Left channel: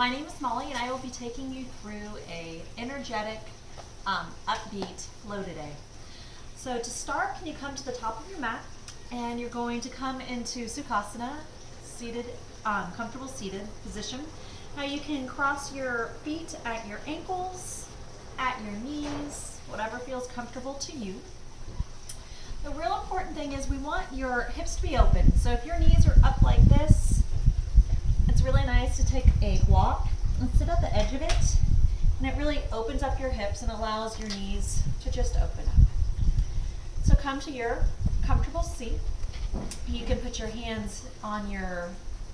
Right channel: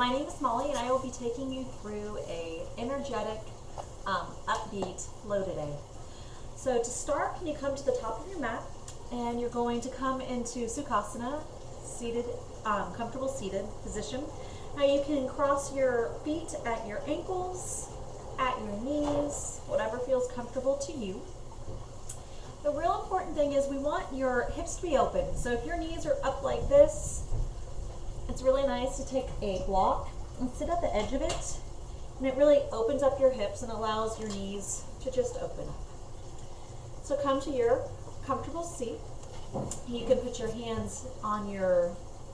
My name is Molly, and I will be taking you through a energetic, upbeat flow today. So to start, can you come to the top of your mat, and you're going to come into Sukhasana, seated, comfortable seated position. Now you can cross your feet at your ankles, at your knees, whatever feels comfortable to you. The real important thing is we want your hips to be open. So if your knees are up like this, it's really nice to take a block and sit at the edge of it. And it really opens up your hips and allows your knees to just open up. So come to your comfortable seat. You can put your hands on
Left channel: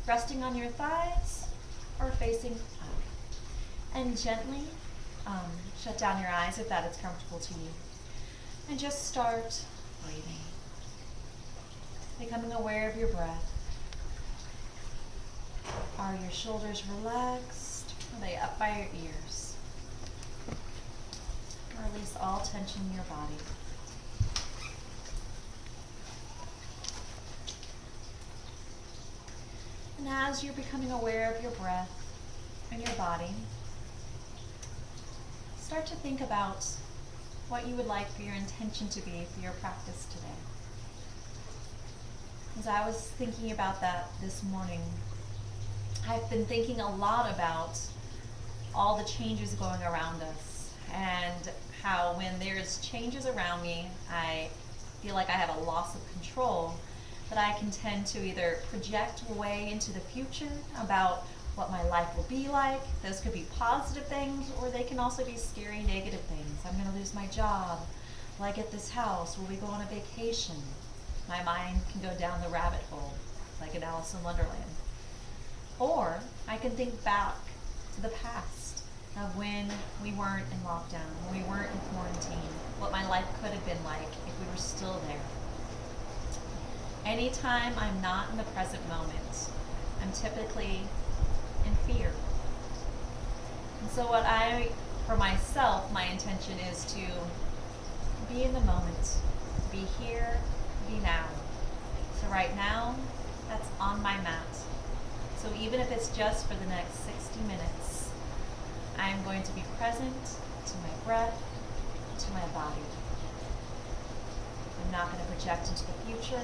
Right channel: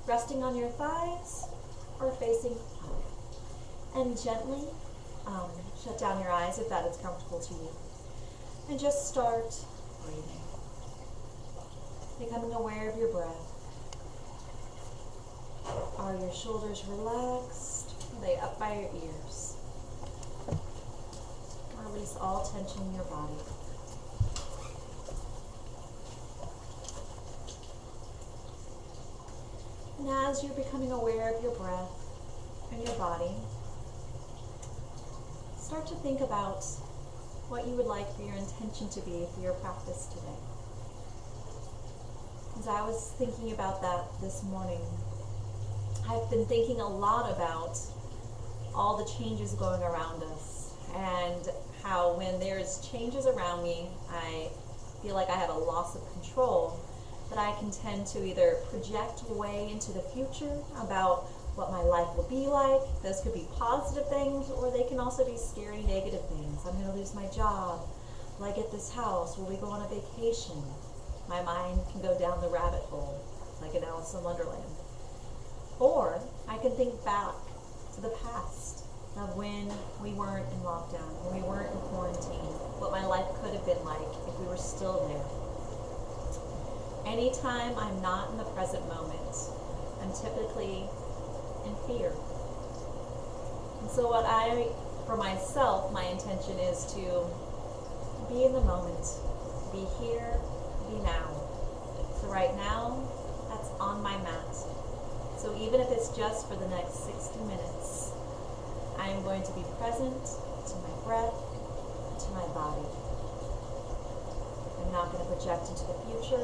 resting on your thighs or facing up. And gently shut down your eyes if that is comfortable to you. And just start breathing. Becoming aware of your breath. Are your shoulders relaxed? Are they up by your ears? Release all tension in your body. And as you're becoming aware of your breath and your body, start to think about what you would like for your intention to be for your practice today. As I was thinking about that this morning, I've been thinking a lot about all the changes going around us and how when there's changes around me, I feel like I have a loss of control, that I can tend to either project way into the future about what my life will be like. Those could be positive things, or they can also be scary, negative things. I'm going to lose my job. Will I get this house? Will we go on a vacation? My mind can go down the rabbit hole, like in Alice in Wonderland. Or I can think back to the past of when we weren't in lockdown, when we weren't in quarantine, what my life could have been like if we were still there. Anytime I'm not in the present moment, I'm typically in fear. And so for myself, my intention is to be in the moment, be here, be now. So right now, that's on my mat. So even if it's just for the next 60 minutes, I'm going to be present to my breath, to my body. I'm not going to project into the future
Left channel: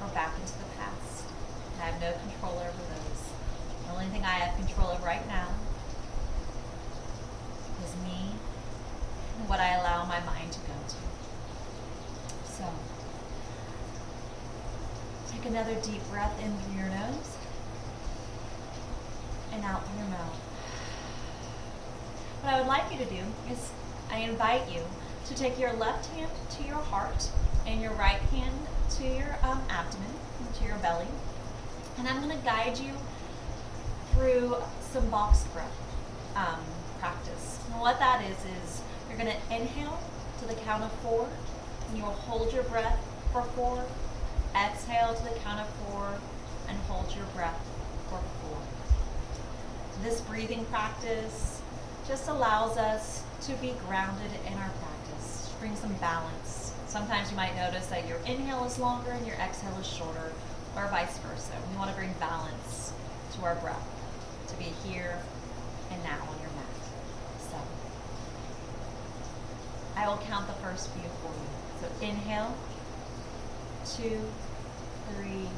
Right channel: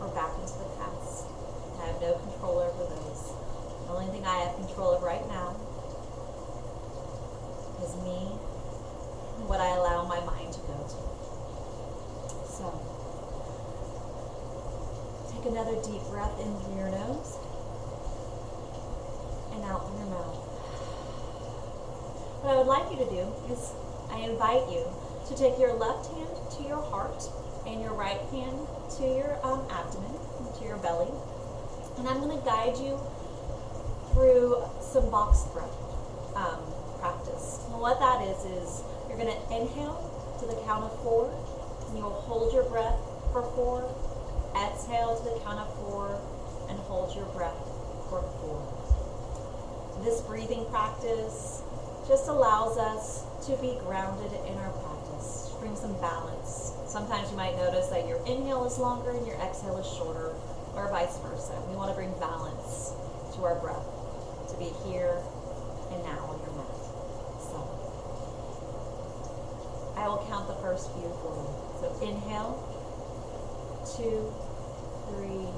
or back into the past. I have no control over those. The only thing I have control of right now is me and what I allow my mind to go to. So, take another deep breath in through your nose and out through your mouth. What I would like you to do is I invite you to take your left hand to your heart and your right hand to your abdomen, to your belly. And I'm going to guide you through some box breath practice. And what that is you're going to inhale to the count of 4, and you'll hold your breath for 4, exhale to the count of 4, and hold your breath for 4. This breathing practice just allows us to be grounded in our practice, bring some balance. Sometimes you might notice that your inhale is longer and your exhale is shorter, or vice versa. We want to bring balance to our breath, to be here and now on your mat. So, I will count the first few for you. So inhale, 2, 3,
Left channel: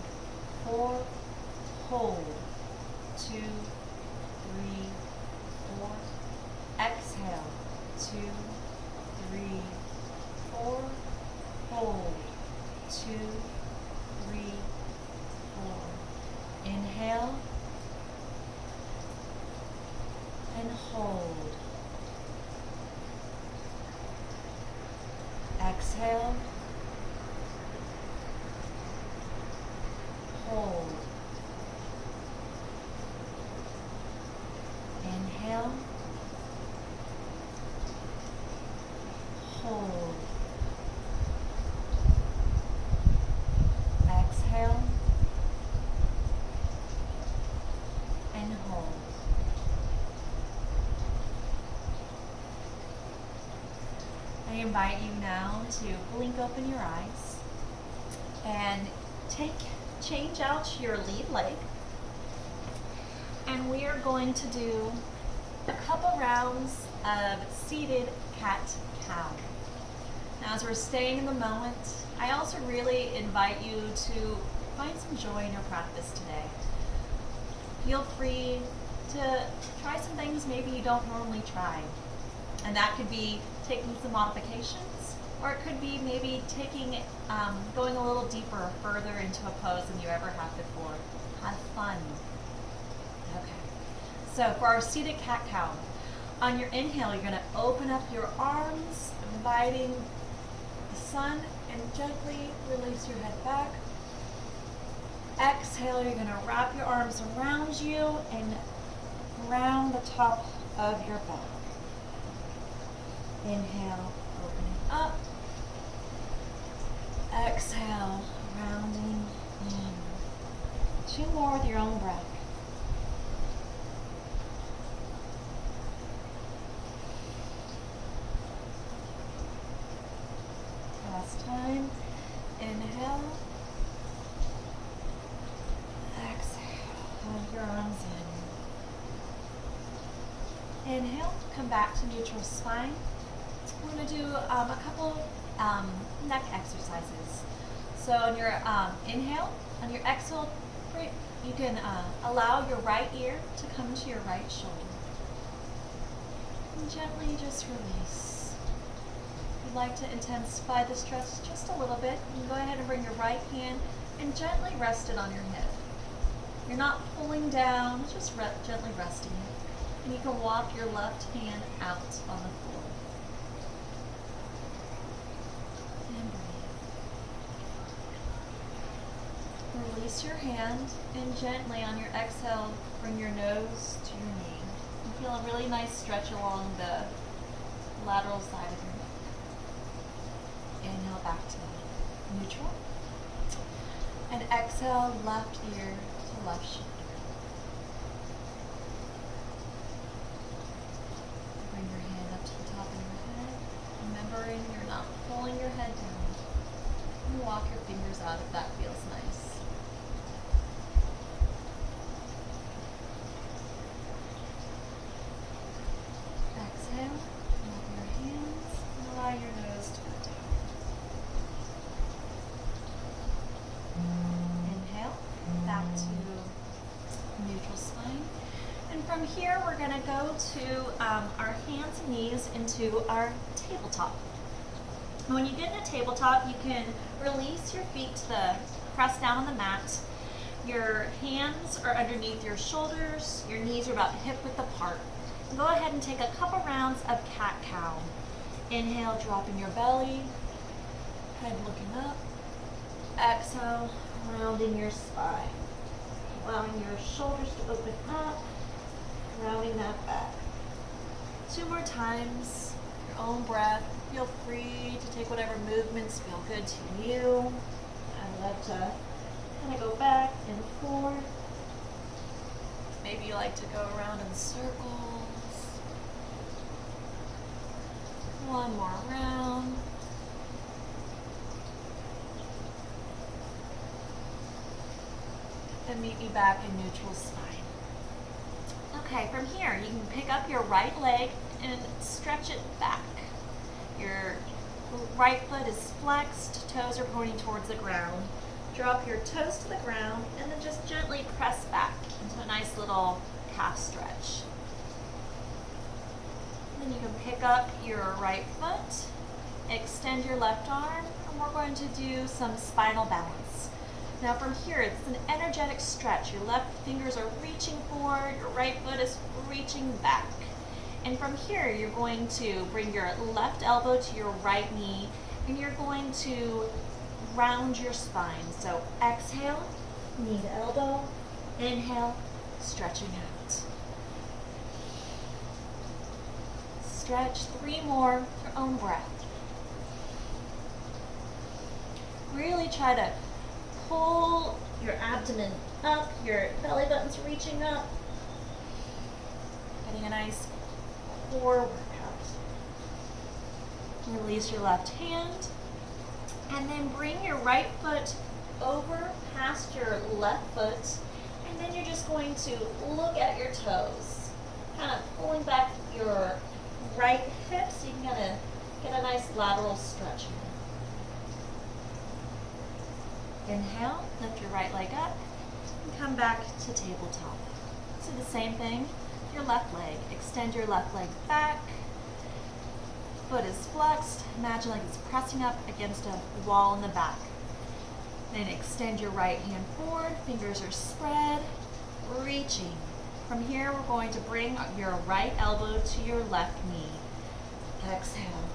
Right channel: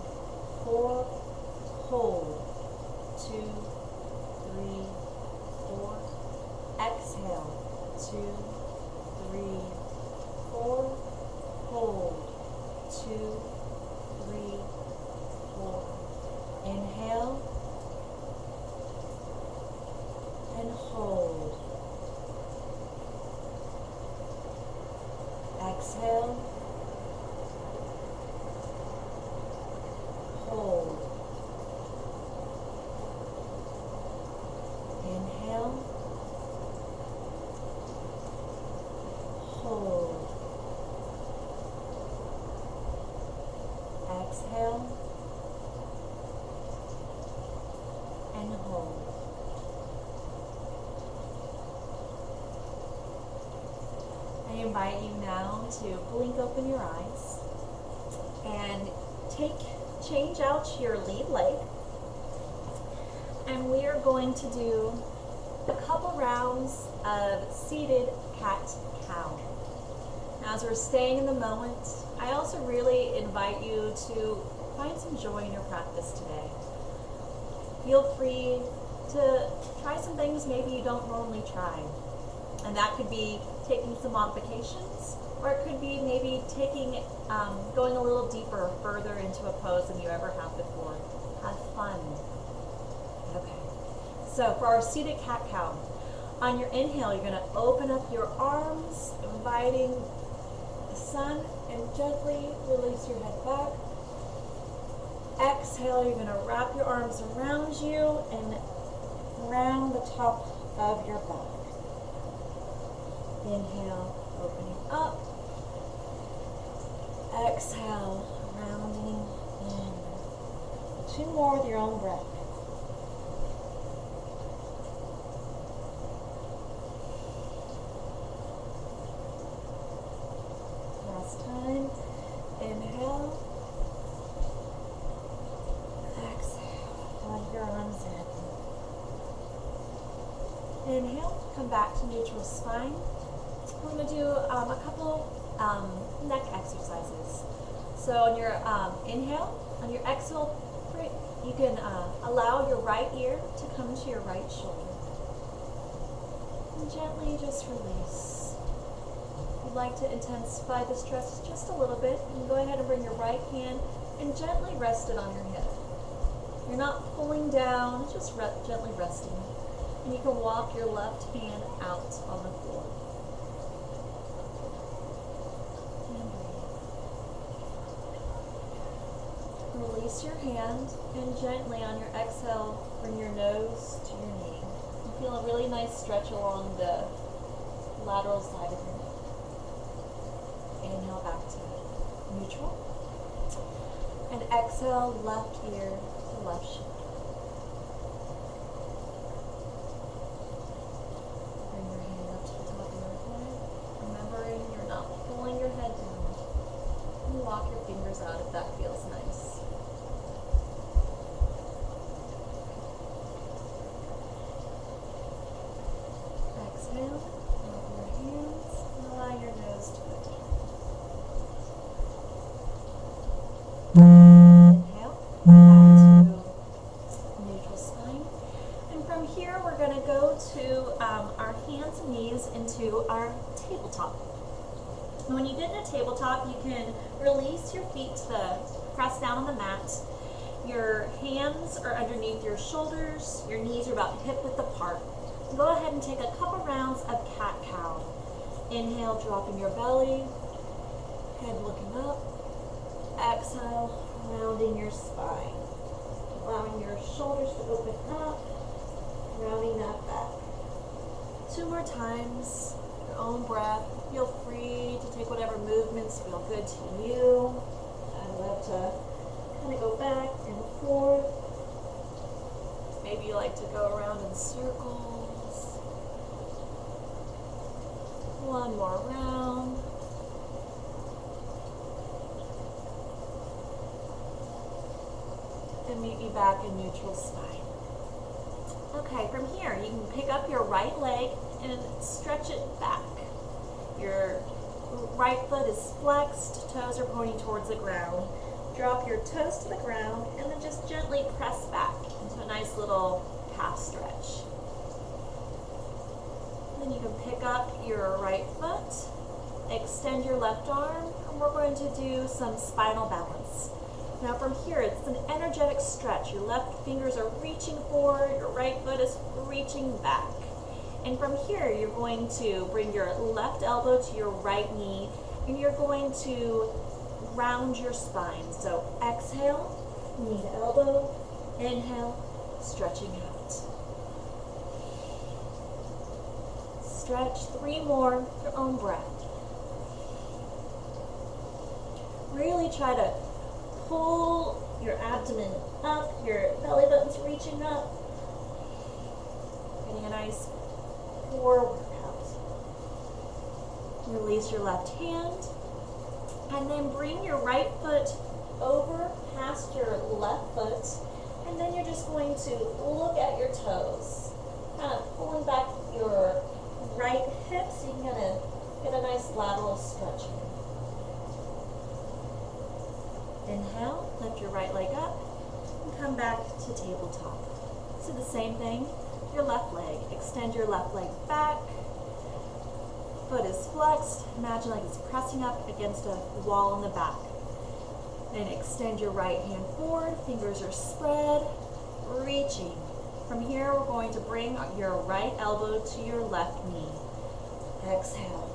4, hold, 2, 3, 4, exhale, 2, 3, 4, hold, 2, 3, 4. Inhale and hold. Exhale, hold. Inhale, hold. Exhale and hold. I invite you now to blink open your eyes and change out your lead leg and we are going to do a couple rounds of seated cat-cow. Now, as we're staying in the moment, I also really invite you to find some joy in your practice today. Feel free to try some things maybe you don't normally try. And that could be taking some modifications, or it could be maybe going a little deeper or further into a pose than you ever have before. Have fun. Okay. So for our seated cat-cow, on your inhale, you're going to open up your arms, inviting the sun, and gently release your head back. Exhale, you're going to wrap your arms around you and round the top of your back. Inhale, opening up. Exhale, rounding in. 2 more with your own breath. Last time. Inhale. Exhale. Hug your arms in. Inhale. Come back to neutral spine. We're going to do a couple neck exercises. So on your inhale, on your exhale, you can allow your right ear to come to your right shoulder. And gently just release. If you'd like to intensify the stress just a little bit, you can go ahead and bring your right hand and gently rest it on your head. You're not pulling down, just gently resting it. And you can walk your left hand out on the floor. Release your hand and gently on your exhale, bring your nose to your knee. You feel a really nice stretch along the lateral side of your neck. Inhale back to neutral. And exhale, left ear to left shoulder. Bring your hand up to the top of your head, remembering you're not pulling your head down. And walk your fingers out if that feels nice. Exhale, drop your hands, and allow your nose to go down. Inhale, back to neutral spine. And from here, we're going to go to our hands and knees into our tabletop. And when you get in a tabletop, you can release your feet to press down on the mat. Your hands are underneath your shoulders. Your knees are about hip width apart. Go ahead and take a couple rounds of cat-cow. Inhale, dropping your belly, head looking up. Exhale, rounding your spine. Allowing your shoulders to open up, rounding that back. 2 more times, your own breath. Feel free to take whatever movements feel good to you. I love to kind of go back and forth. Maybe you like to go around in circles. 1 more round. And meet me back in neutral spine. Okay, from here, you can pick up your right leg and stretch it back. Your right foot is flexed, toes are pointing towards the ground. Drop your toes to the ground and then just gently press back into a nice little calf stretch. Then you can pick up your right foot, extend your left arm, and we're going to do some spinal balance. Now from here, it's an energetic stretch. Your left fingers are reaching forward, your right foot is reaching back. And from here, you're going to bring your left elbow to your right knee, and you're going to round your spine. So exhale, knee to elbow, inhale, stretching out. Stretch 3 more, your own breath. Really try to pull your abdomen up, your belly button's reaching up. Getting a nice core workout. Release your left hand, and then bring your right foot over past your left foot, And then you're just going to look at your toes, kind of pulling back your right hip so you can kind of get a nice lateral stretch here. Inhale, lift your right leg up, and come back to tabletop. So the same thing, your left leg. Extend your left leg back. Foot is flexed. Imagine like it's pressing up against a wall in the back. Then extend your right hand forward. Fingers are spread, reaching. From here, we're going to bring your right elbow to your left knee. Exhale.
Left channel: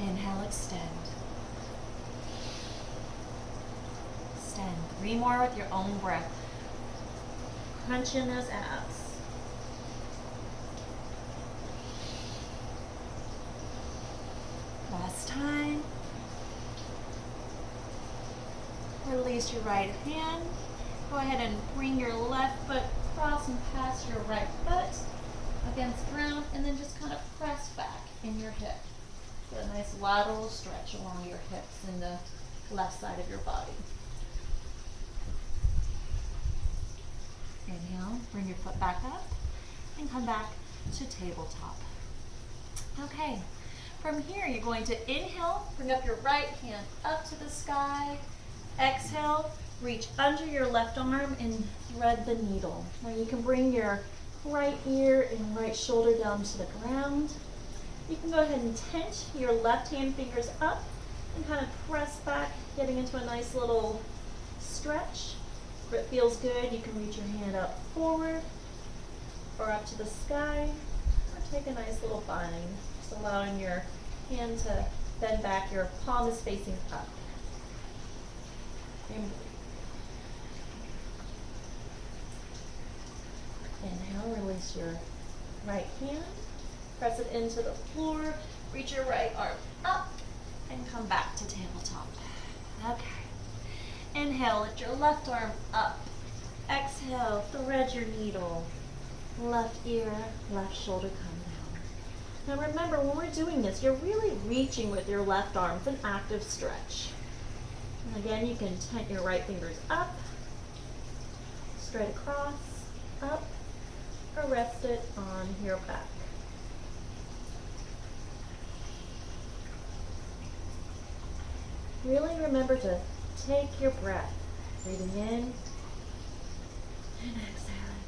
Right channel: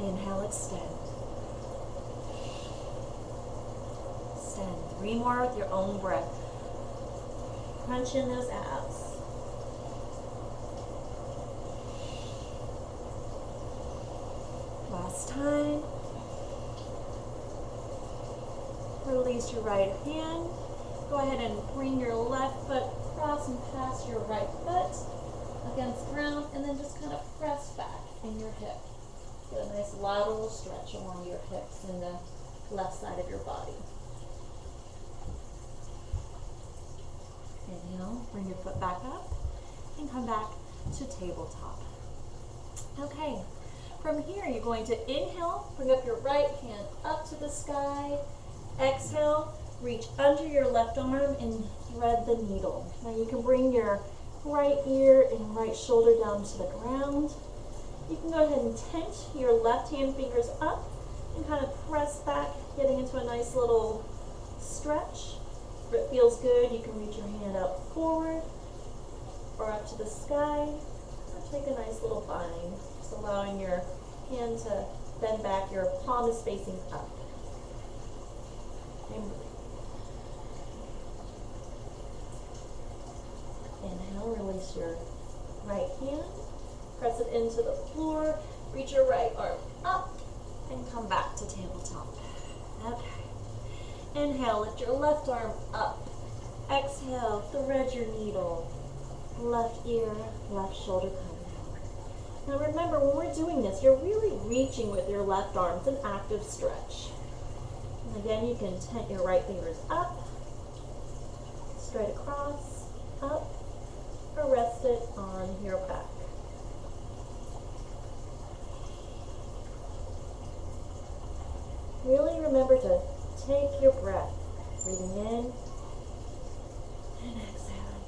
Inhale, extend. Extend. 3 more with your own breath. Crunch in those abs. Last time. Release your right hand. Go ahead and bring your left foot across and past your right foot against the ground, and then just kind of press back in your hip. Get a nice lateral stretch along your hips and the left side of your body. Inhale, bring your foot back up and come back to tabletop. Okay, from here you're going to inhale, bring up your right hand up to the sky. Exhale, reach under your left arm and thread the needle. Now you can bring your right ear and right shoulder down to the ground. You can go ahead and tense your left hand fingers up and kind of press back, getting into a nice little stretch. If it feels good, you can reach your hand up forward or up to the sky, or take a nice little bind, just allowing your hand to bend back. Your palm is facing up. And breathe. Inhale, release your right hand, press it into the floor, reach your right arm up, and come back to tabletop. Okay. Inhale, lift your left arm up. Exhale, thread your needle. Left ear, left shoulder come down. Now remember, when we're doing this, you're really reaching with your left arm. It's an active stretch. And again, you can tent your right fingers up, straight across, up, or rest it on your back. Really remember to take your breath, breathing in and exhaling.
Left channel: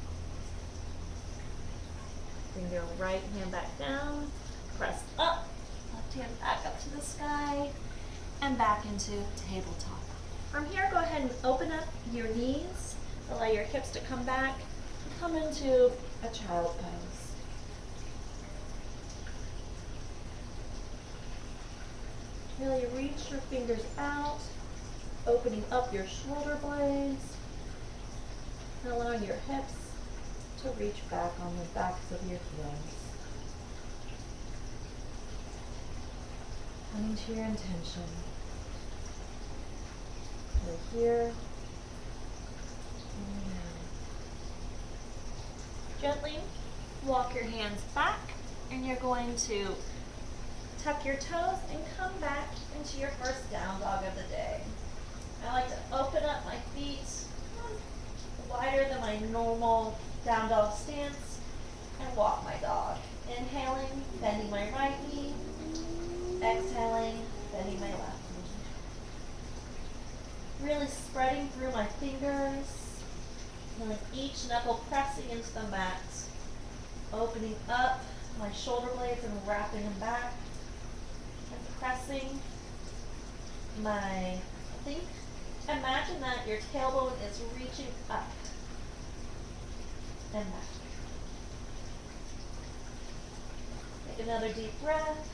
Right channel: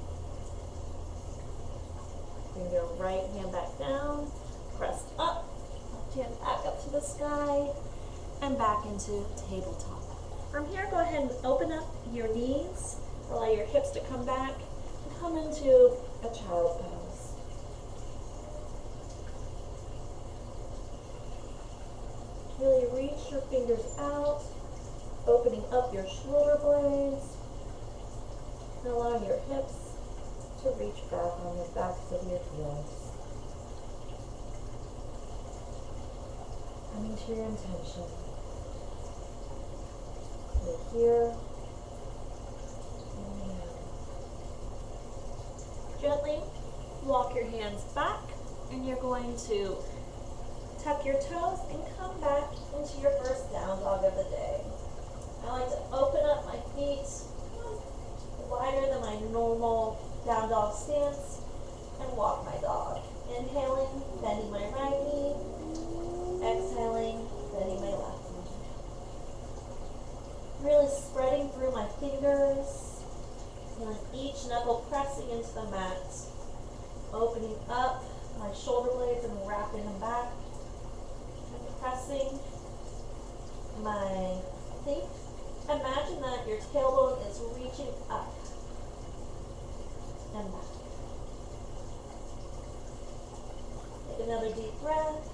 Bring your right hand back down, press up, left hand back up to the sky, and back into tabletop. From here, go ahead and open up your knees, allow your hips to come back, and come into a child pose. Really reach your fingers out, opening up your shoulder blades, and allowing your hips to reach back on the backs of your heels. Coming to your intention. You're here and now. Gently walk your hands back, and you're going to tuck your toes and come back into your first down dog of the day. I like to open up my feet wider than my normal down dog stance and walk my dog. Inhaling, bending my right knee. Exhaling, bending my left knee. Really spreading through my fingers, feeling each knuckle pressing into the mat. Opening up my shoulder blades and wrapping them back. And pressing my feet. Imagine that your tailbone is reaching up and back. Take another deep breath.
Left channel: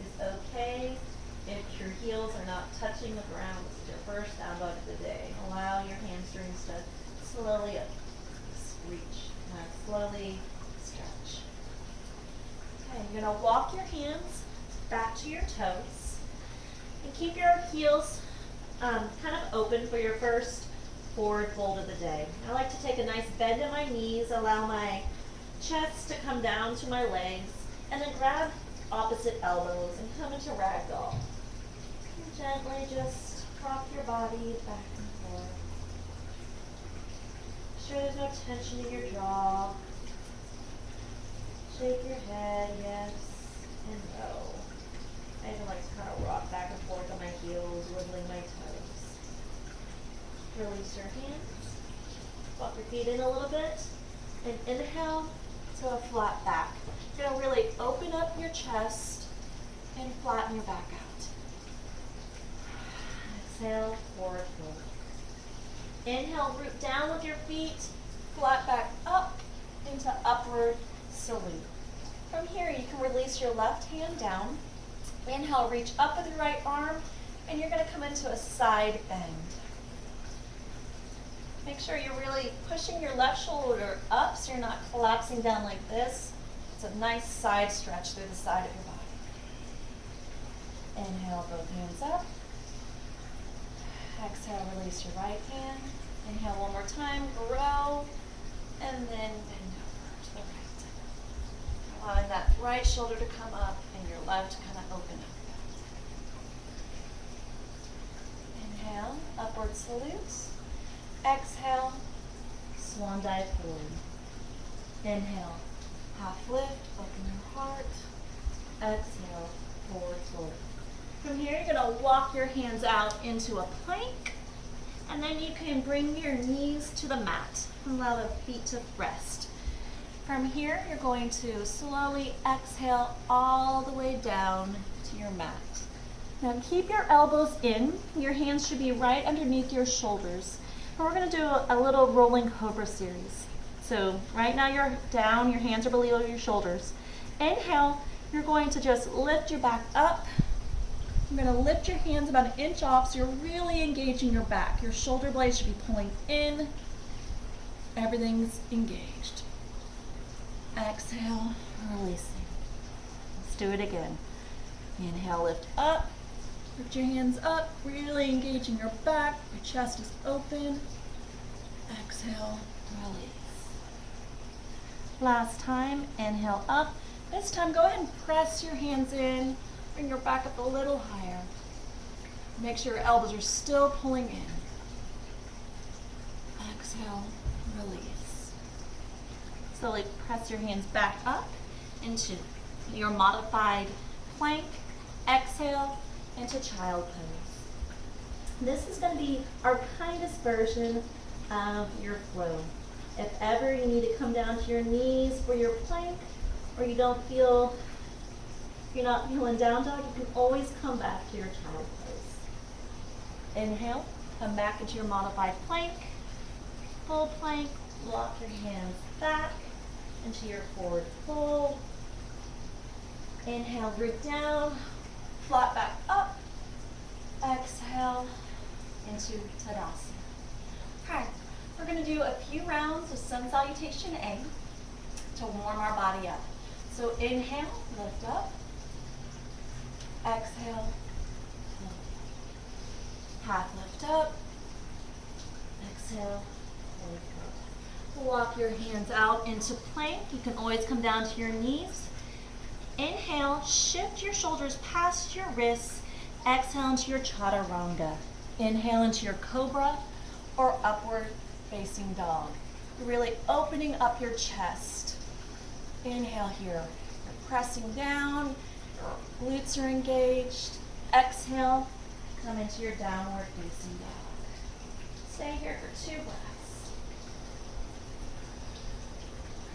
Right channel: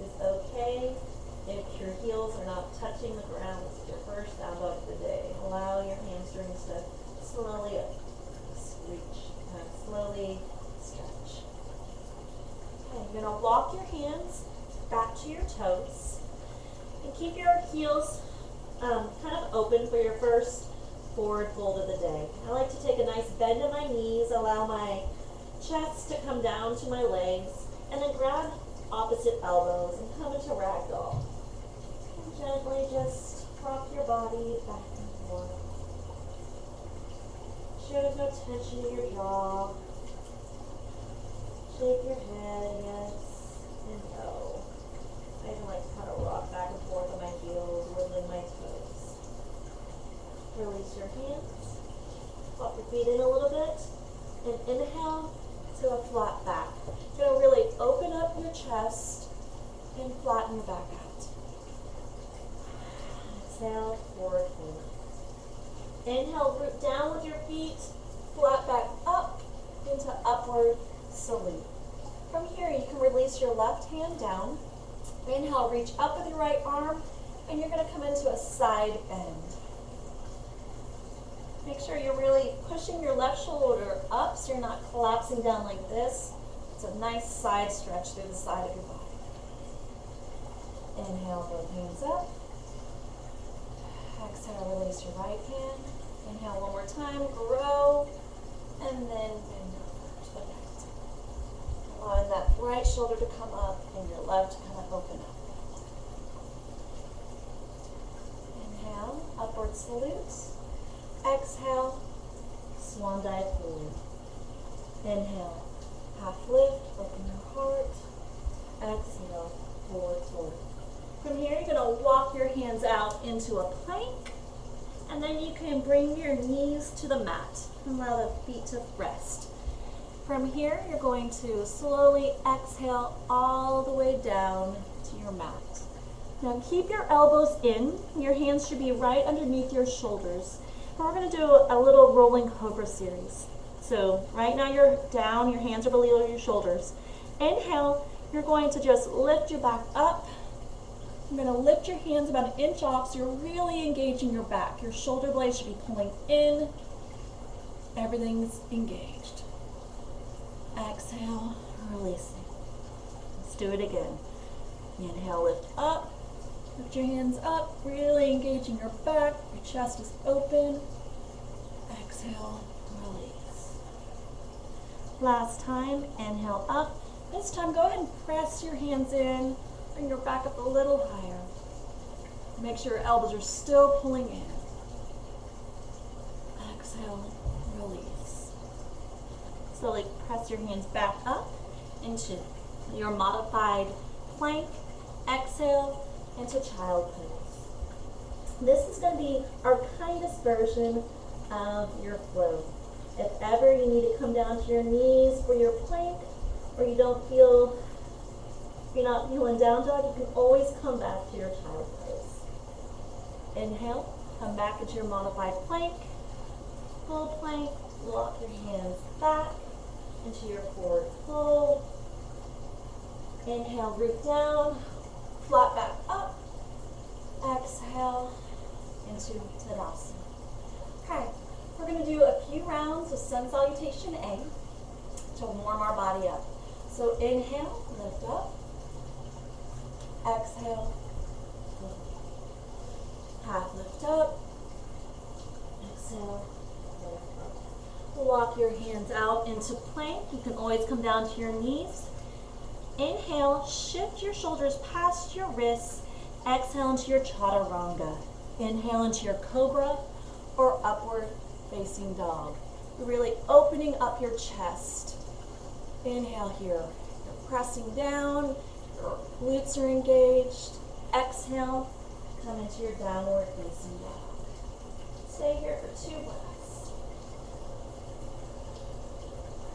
It's okay if your heels are not touching the ground. This is your first down dog of the day. Allow your hamstrings to slowly reach and slowly stretch. Okay, you're going to walk your hands back to your toes and keep your heels kind of open for your first forward fold of the day. I like to take a nice bend in my knees, allow my chest to come down to my legs, and then grab opposite elbows and come into ragdoll. And gently just rock your body back and forth. sure there's no tension in your jaw. Shake your head, yes, and no. I even like to kind of rock back and forth on my heels, wiggling my toes. Release your hands. Walk your feet in a little bit. And inhale to a flat back. You're going to really open up your chest and flatten your back out. Exhale, forward fold. Inhale, root down with your feet, flat back up into upward salute. From here, you can release your left hand down. Inhale, reach up with your right arm, and you're going to come into a side bend. Make sure you're really pushing your left shoulder up so you're not collapsing down like this. It's a nice side stretch through the side of your body. Inhale, both hands up. Exhale, release your right hand. Inhale one more time, grow, and then bend over to the right. Allowing that right shoulder to come up and your left to kind of open up. Inhale, upward salute. Exhale, swan dive forward. Inhale, half lift, open your heart. Exhale, forward fold. From here, you're going to walk your hands out into a plank, and then you can bring your knees to the mat and allow the feet to rest. From here, you're going to slowly exhale all the way down to your mat. Now keep your elbows in. Your hands should be right underneath your shoulders. And we're going to do a little rolling cobra series. So right now you're down, your hands are below your shoulders. Inhale, you're going to just lift your back up. You're going to lift your hands about an inch off so you're really engaging your back. Your shoulder blades should be pulling in. Everything's engaged. Exhale, releasing. Let's do it again. Inhale, lift up. Lift your hands up, really engaging your back. Your chest is open. Exhale, release. Last time, inhale up. This time, go ahead and press your hands in. Bring your back up a little higher. Make sure your elbows are still pulling in. Exhale, release. Slowly press your hands back up into your modified plank. Exhale into child pose. This is going to be our kindest version of your flow. If ever you need to come down to your knees for your plank, or you're not feeling down dog, you can always come back to your child pose. Inhale, come back into your modified plank, full plank, walk your hands back into your forward fold. Inhale, root down, flat back up. Exhale into Tadasana. Okay, we're going to do a few rounds of Sun Salutation A to warm our body up. So inhale, lift up. Exhale, float. Half lift up. Exhale, lift up. Walk your hands out into plank. You can always come down to your knees. Inhale, shift your shoulders past your wrists. Exhale into your Chaturanga. Inhale into your Cobra or upward facing dog. You're really opening up your chest. Inhale here. You're pressing down. Your glutes are engaged. Exhale, come into your downward facing dog. Stay here for 2 breaths.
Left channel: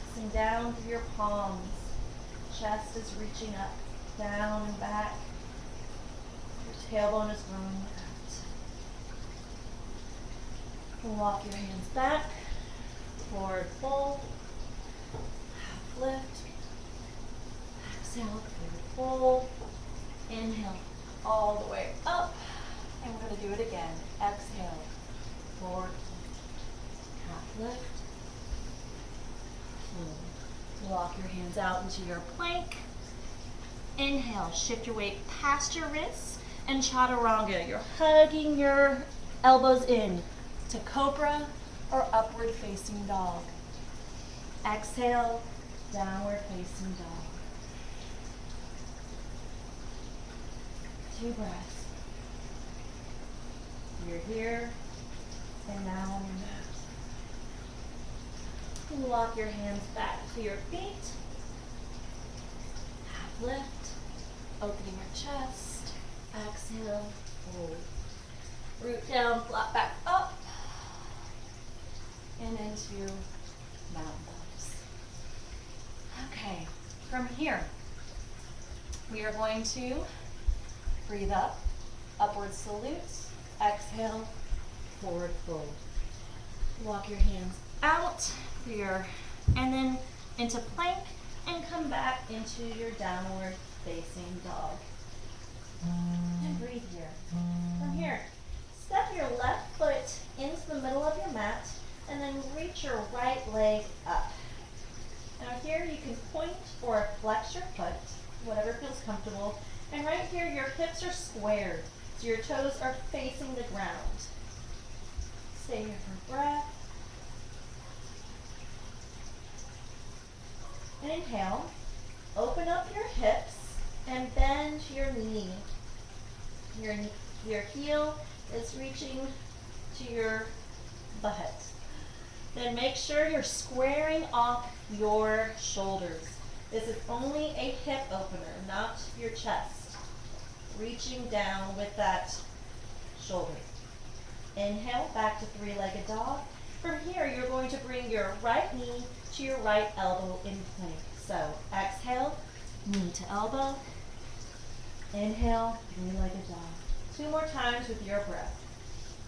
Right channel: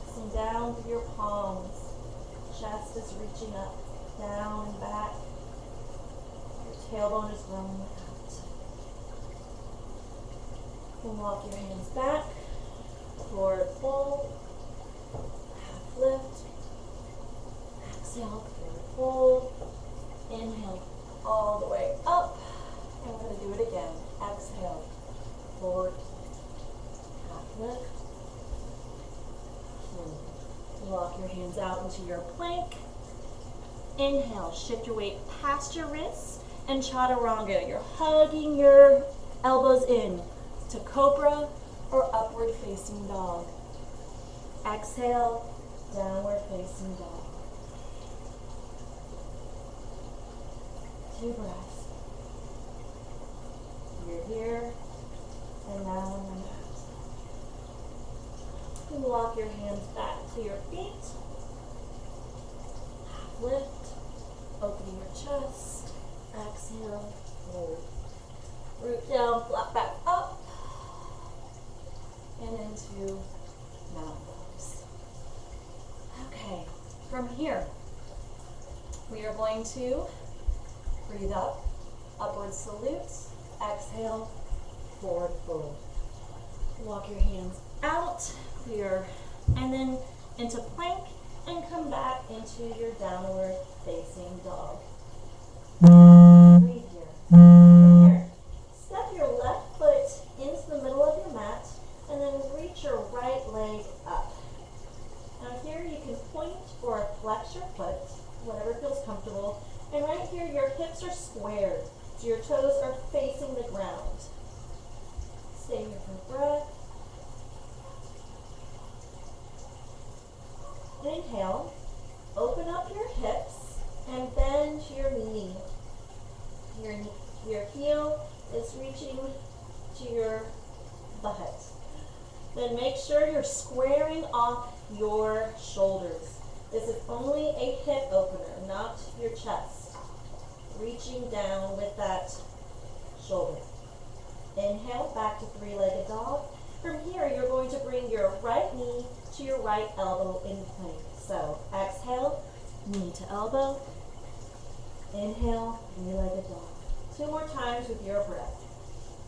Pressing down through your palms. Chest is reaching up, down and back. Your tailbone is growing out. Walk your hands back, forward fold, half lift. Exhale, forward fold. Inhale all the way up. And we're going to do it again. Exhale, forward, half lift, fold. Walk your hands out into your plank. Inhale, shift your weight past your wrists and Chaturanga. You're hugging your elbows in to Cobra or upward facing dog. Exhale, downward facing dog. 2 breaths. You're here and now on your mat. Walk your hands back to your feet. Half lift. Opening your chest. Exhale. Hold. Root down, flat back up. And into mountain pose. Okay, from here, we are going to breathe up, upward salute, exhale, forward fold. Walk your hands out, and then into plank, and come back into your downward facing dog. And breathe here. From here, step your left foot into the middle of your mat, and then reach your right leg up. Now here you can point or flex your foot, whatever feels comfortable. And right here your hips are squared, so your toes are facing the ground. Stay here for breath. And inhale, open up your hips and bend your knee. Your heel is reaching to your butt. Then make sure you're squaring off your shoulders. This is only a hip opener, not your chest. Reaching down with that shoulder. Inhale, back to three-legged dog. From here, you're going to bring your right knee to your right elbow in plank. So exhale, knee to elbow. Inhale, three-legged dog. 2 more times with your breath.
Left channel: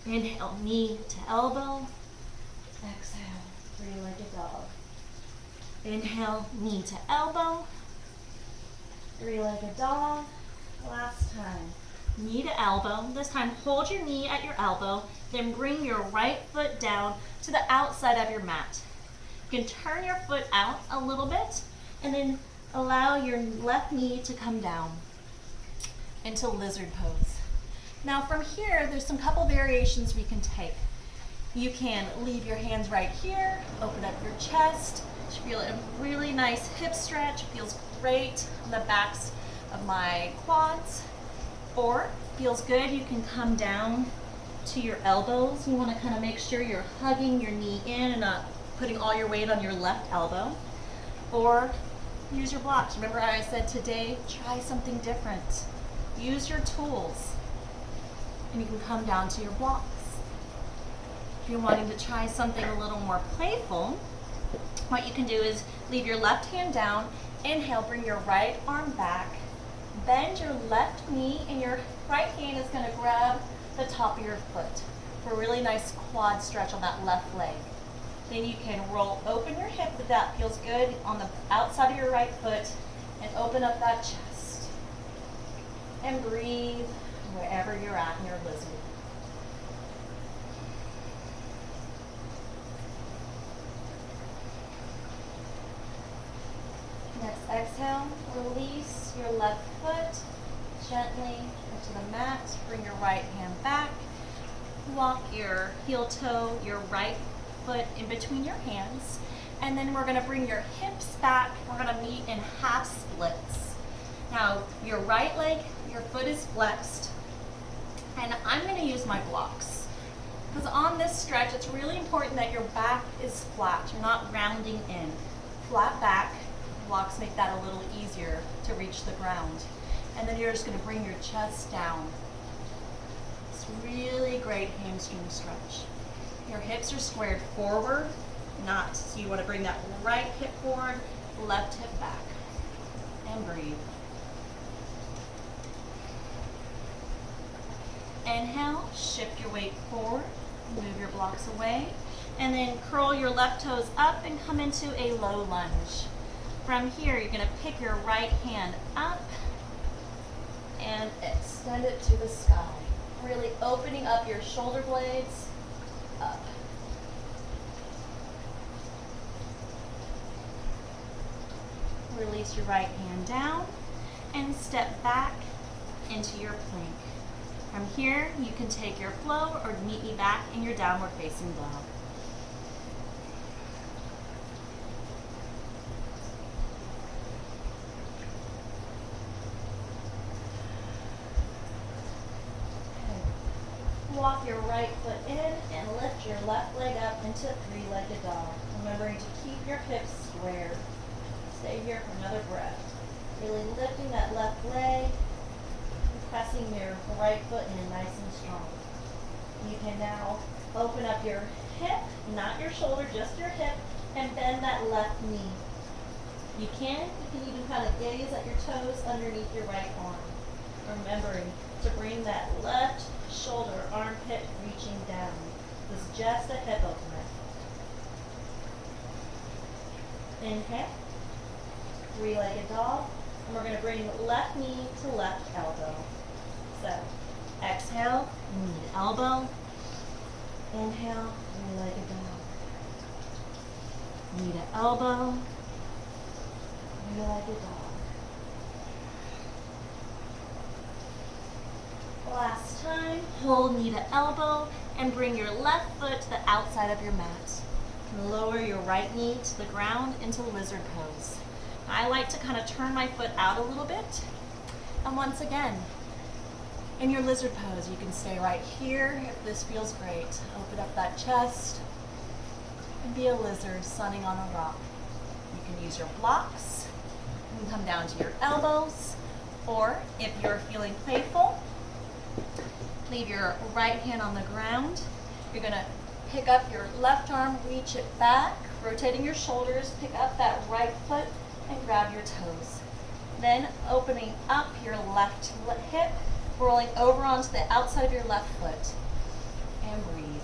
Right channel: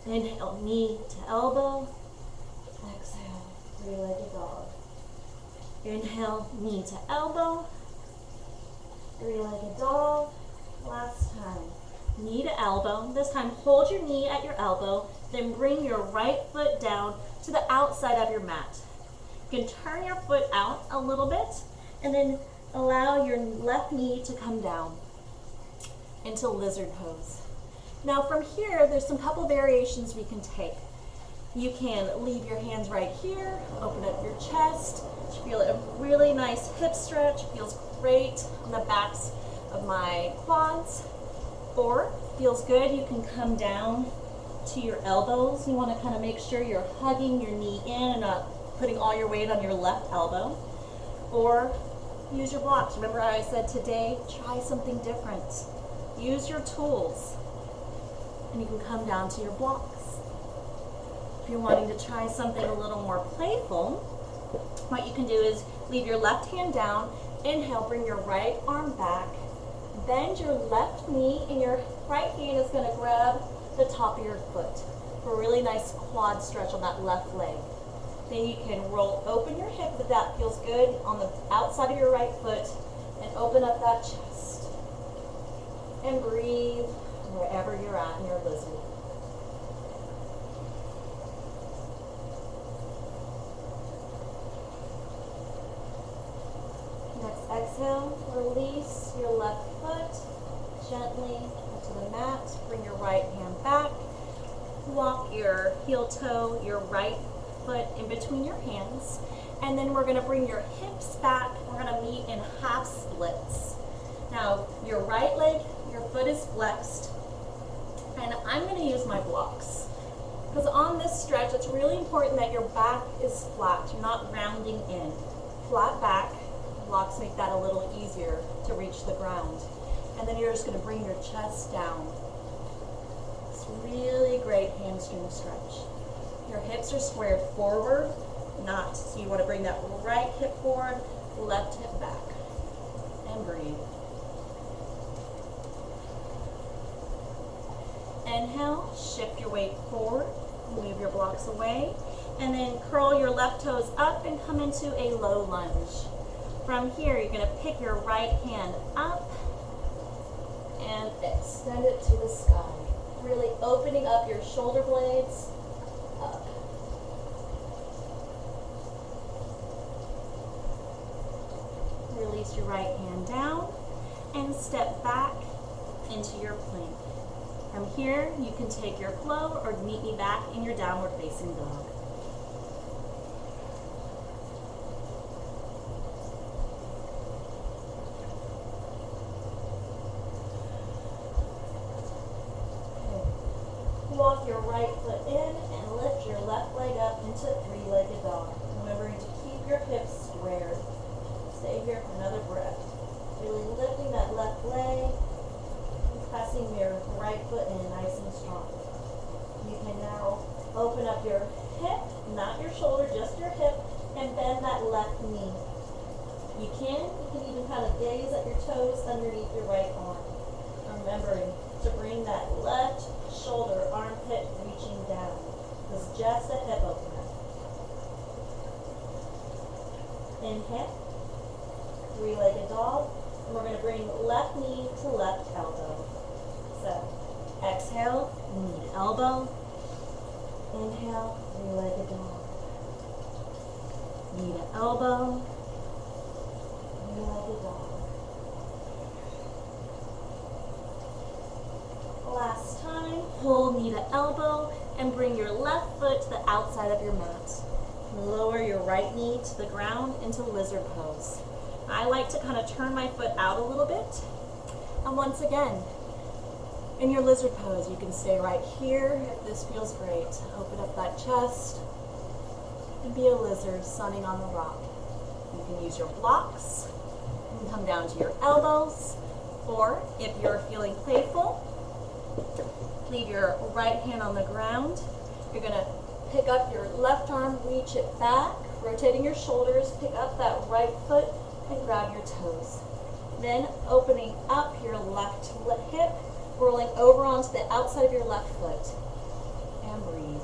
Inhale, knee to elbow. Exhale, three-legged dog. Inhale, knee to elbow. Three-legged dog. Last time. Knee to elbow. This time, hold your knee at your elbow. Then bring your right foot down to the outside of your mat. You can turn your foot out a little bit and then allow your left knee to come down into lizard pose. Now from here, there's some couple variations we can take. You can leave your hands right here, open up your chest. You feel a really nice hip stretch, feels great on the backs of my quads. Or, feels good, you can come down to your elbows. You want to kind of make sure you're hugging your knee in and not putting all your weight on your left elbow. Or use your blocks. Remember I said today, try something different. Use your tools. And you can come down to your blocks. If you're wanting to try something a little more playful, what you can do is leave your left hand down, inhale, bring your right arm back, bend your left knee, and your right hand is going to grab the top of your foot for a really nice quad stretch on that left leg. Then you can roll open your hip if that feels good on the outside of your right foot, and open up that chest. And breathe wherever you're at in your lizard. Next exhale, release your left foot gently into the mat. Bring your right hand back. Walk your heel toe, your right foot in between your hands. And then we're going to bring your hips back. We're going to meet in half splits. Now, your right leg, your foot is flexed. And I'm going to use my blocks. Because on this stretch, it's really important that your back is flat. You're not rounding in. Flat back. Blocks make that a little easier to reach the ground. And then you're just going to bring your chest down. It's really great hamstring stretch. Your hips are squared forward, not. So you want to bring that right hip forward, left hip back. And breathe. Inhale, shift your weight forward, move your blocks away, and then curl your left toes up and come into a low lunge. From here, you're going to pick your right hand up and extend it to the sky. Really opening up your shoulder blades up. Release your right hand down and step back into your plank. From here, you can take your flow or meet me back in your downward facing dog. Walk your right foot in and lift your left leg up into three-legged dog. Remembering to keep your hips squared. Stay here for another breath. Really lifting that left leg and pressing your right foot in nice and strong. You can now open up your hip, not your shoulder, just your hip, and bend that left knee. You can even kind of gaze at your toes underneath your right arm. Remembering to bring that left shoulder, armpit reaching down. This is just a hip opener. Inhale, three-legged dog, and we're going to bring left knee to left elbow. So, exhale, knee to elbow. Inhale, three-legged dog. Knee to elbow. Three-legged dog. Last time, hold knee to elbow and bring your left foot to the outside of your mat. Lower your right knee to the ground into lizard pose. I like to kind of turn my foot out a little bit. And once again, in your lizard pose, you can stay right here if this feels great. Open up that chest and be a lizard sunning on a rock. You can use your blocks and come down to your elbows, or if you're feeling playful, leave your right hand on the ground. You're going to pick up your left arm, reach it back, rotating your shoulders, pick up that right foot and grab your toes. Then opening up your left hip, rolling over onto the outside of your left foot. And breathe.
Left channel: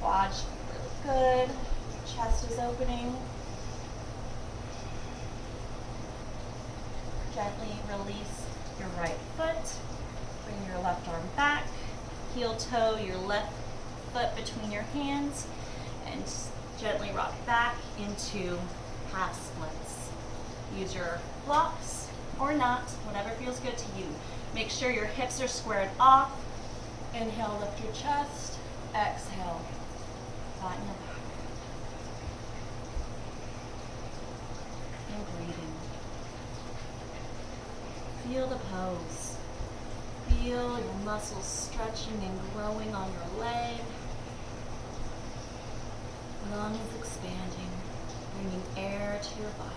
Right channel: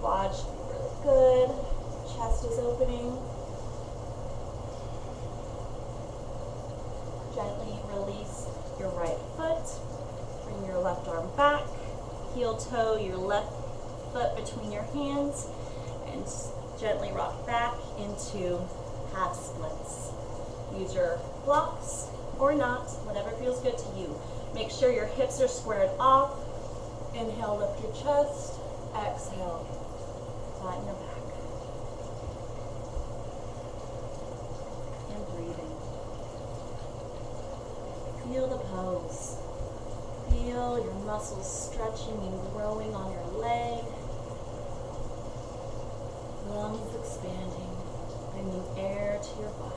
Quad should be really good. Your chest is opening. Gently release your right foot. Bring your left arm back. Heel toe your left foot between your hands and gently rock back into half splits. Use your blocks or not, whatever feels good to you. Make sure your hips are squared off. Inhale, lift your chest. Exhale, flatten your back. And breathing. Feel the pose. Feel your muscles stretching and growing on your leg. Lungs expanding, bringing air to your body.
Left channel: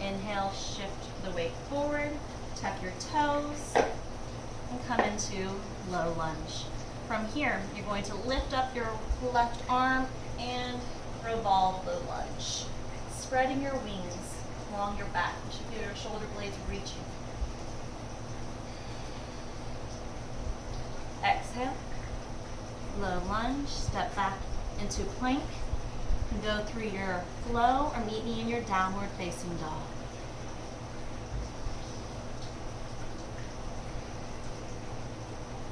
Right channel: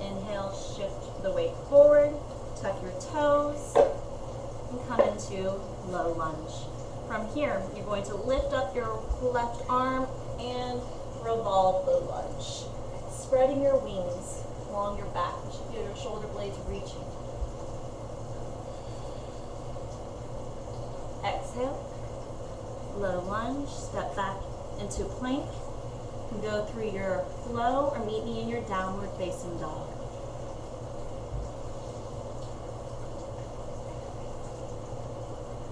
Inhale, shift the weight forward, tuck your toes, and come into low lunge. From here, you're going to lift up your left arm and revolve the lunge. Spreading your wings along your back. You should feel your shoulder blades reaching. Exhale, low lunge, step back into plank. And go through your flow or meet me in your downward facing dog.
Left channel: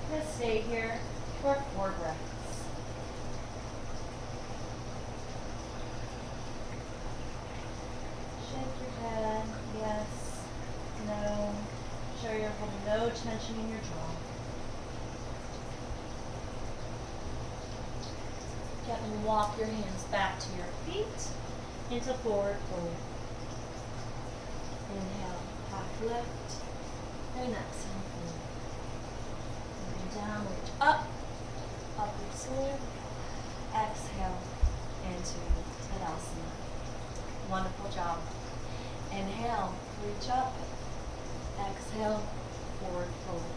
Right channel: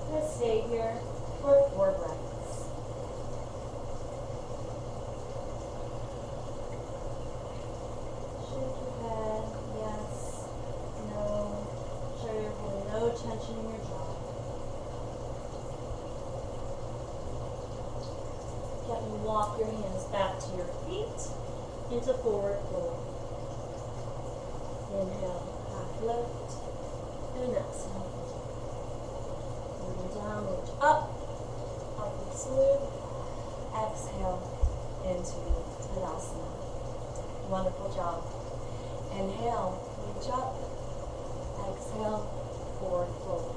I'm going to stay here for 4 breaths. Shake your head, yes, no. Show you're holding no tension in your jaw. Gently walk your hands back to your feet into forward fold. Inhale, half lift, and exhale, fold. Moving down, reach up, upward salute. Exhale into Tadasana. Wonderful job. Inhale, reach up. Exhale, forward fold.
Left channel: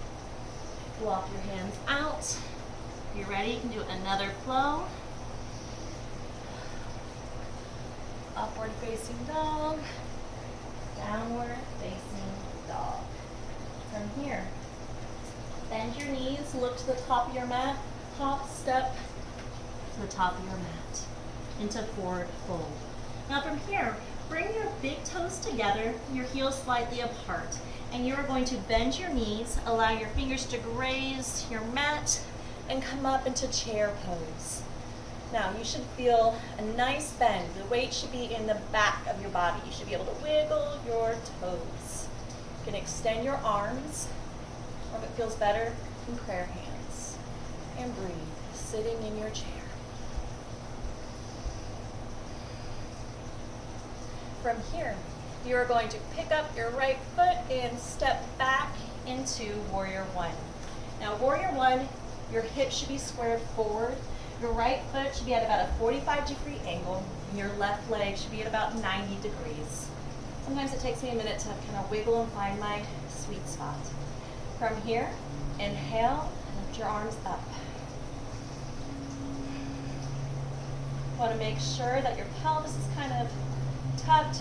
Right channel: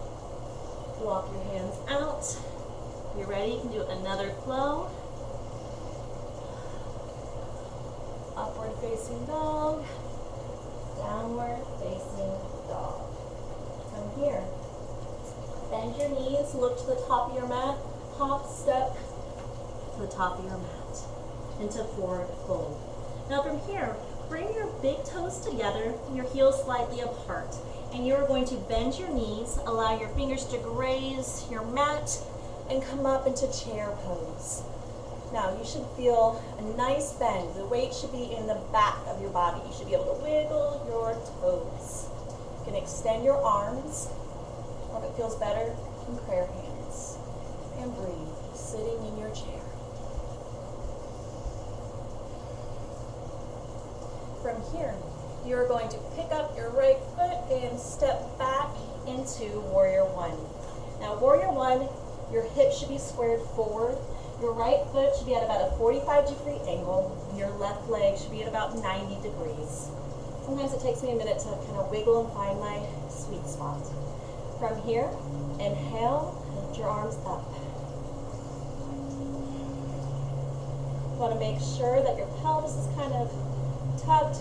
Walk your hands out. If you're ready, you can do another flow. Upward facing dog, downward facing dog. From here, bend your knees, look to the top of your mat, hop, step to the top of your mat, into forward fold. Now from here, bring your big toes together, your heels slightly apart, and you are going to bend your knees, allow your fingers to graze your mat, and come up into chair pose. Now, you should feel a nice bend. The weight should be in the back of your body. You should be able to wiggle your toes. You can extend your arms, or if it feels better, in prayer hands. And breathe, sitting in your chair. From here, you're going to pick up your right foot and step back into Warrior One. Now, Warrior One, your hips should be squared forward. Your right foot should be at about a 45-degree angle, and your left leg should be at about 90 degrees. Sometimes it takes me a minute to kind of wiggle and find my sweet spot. From here, inhale, lift your arms up. You want to make sure that your pelvis is kind of tucked,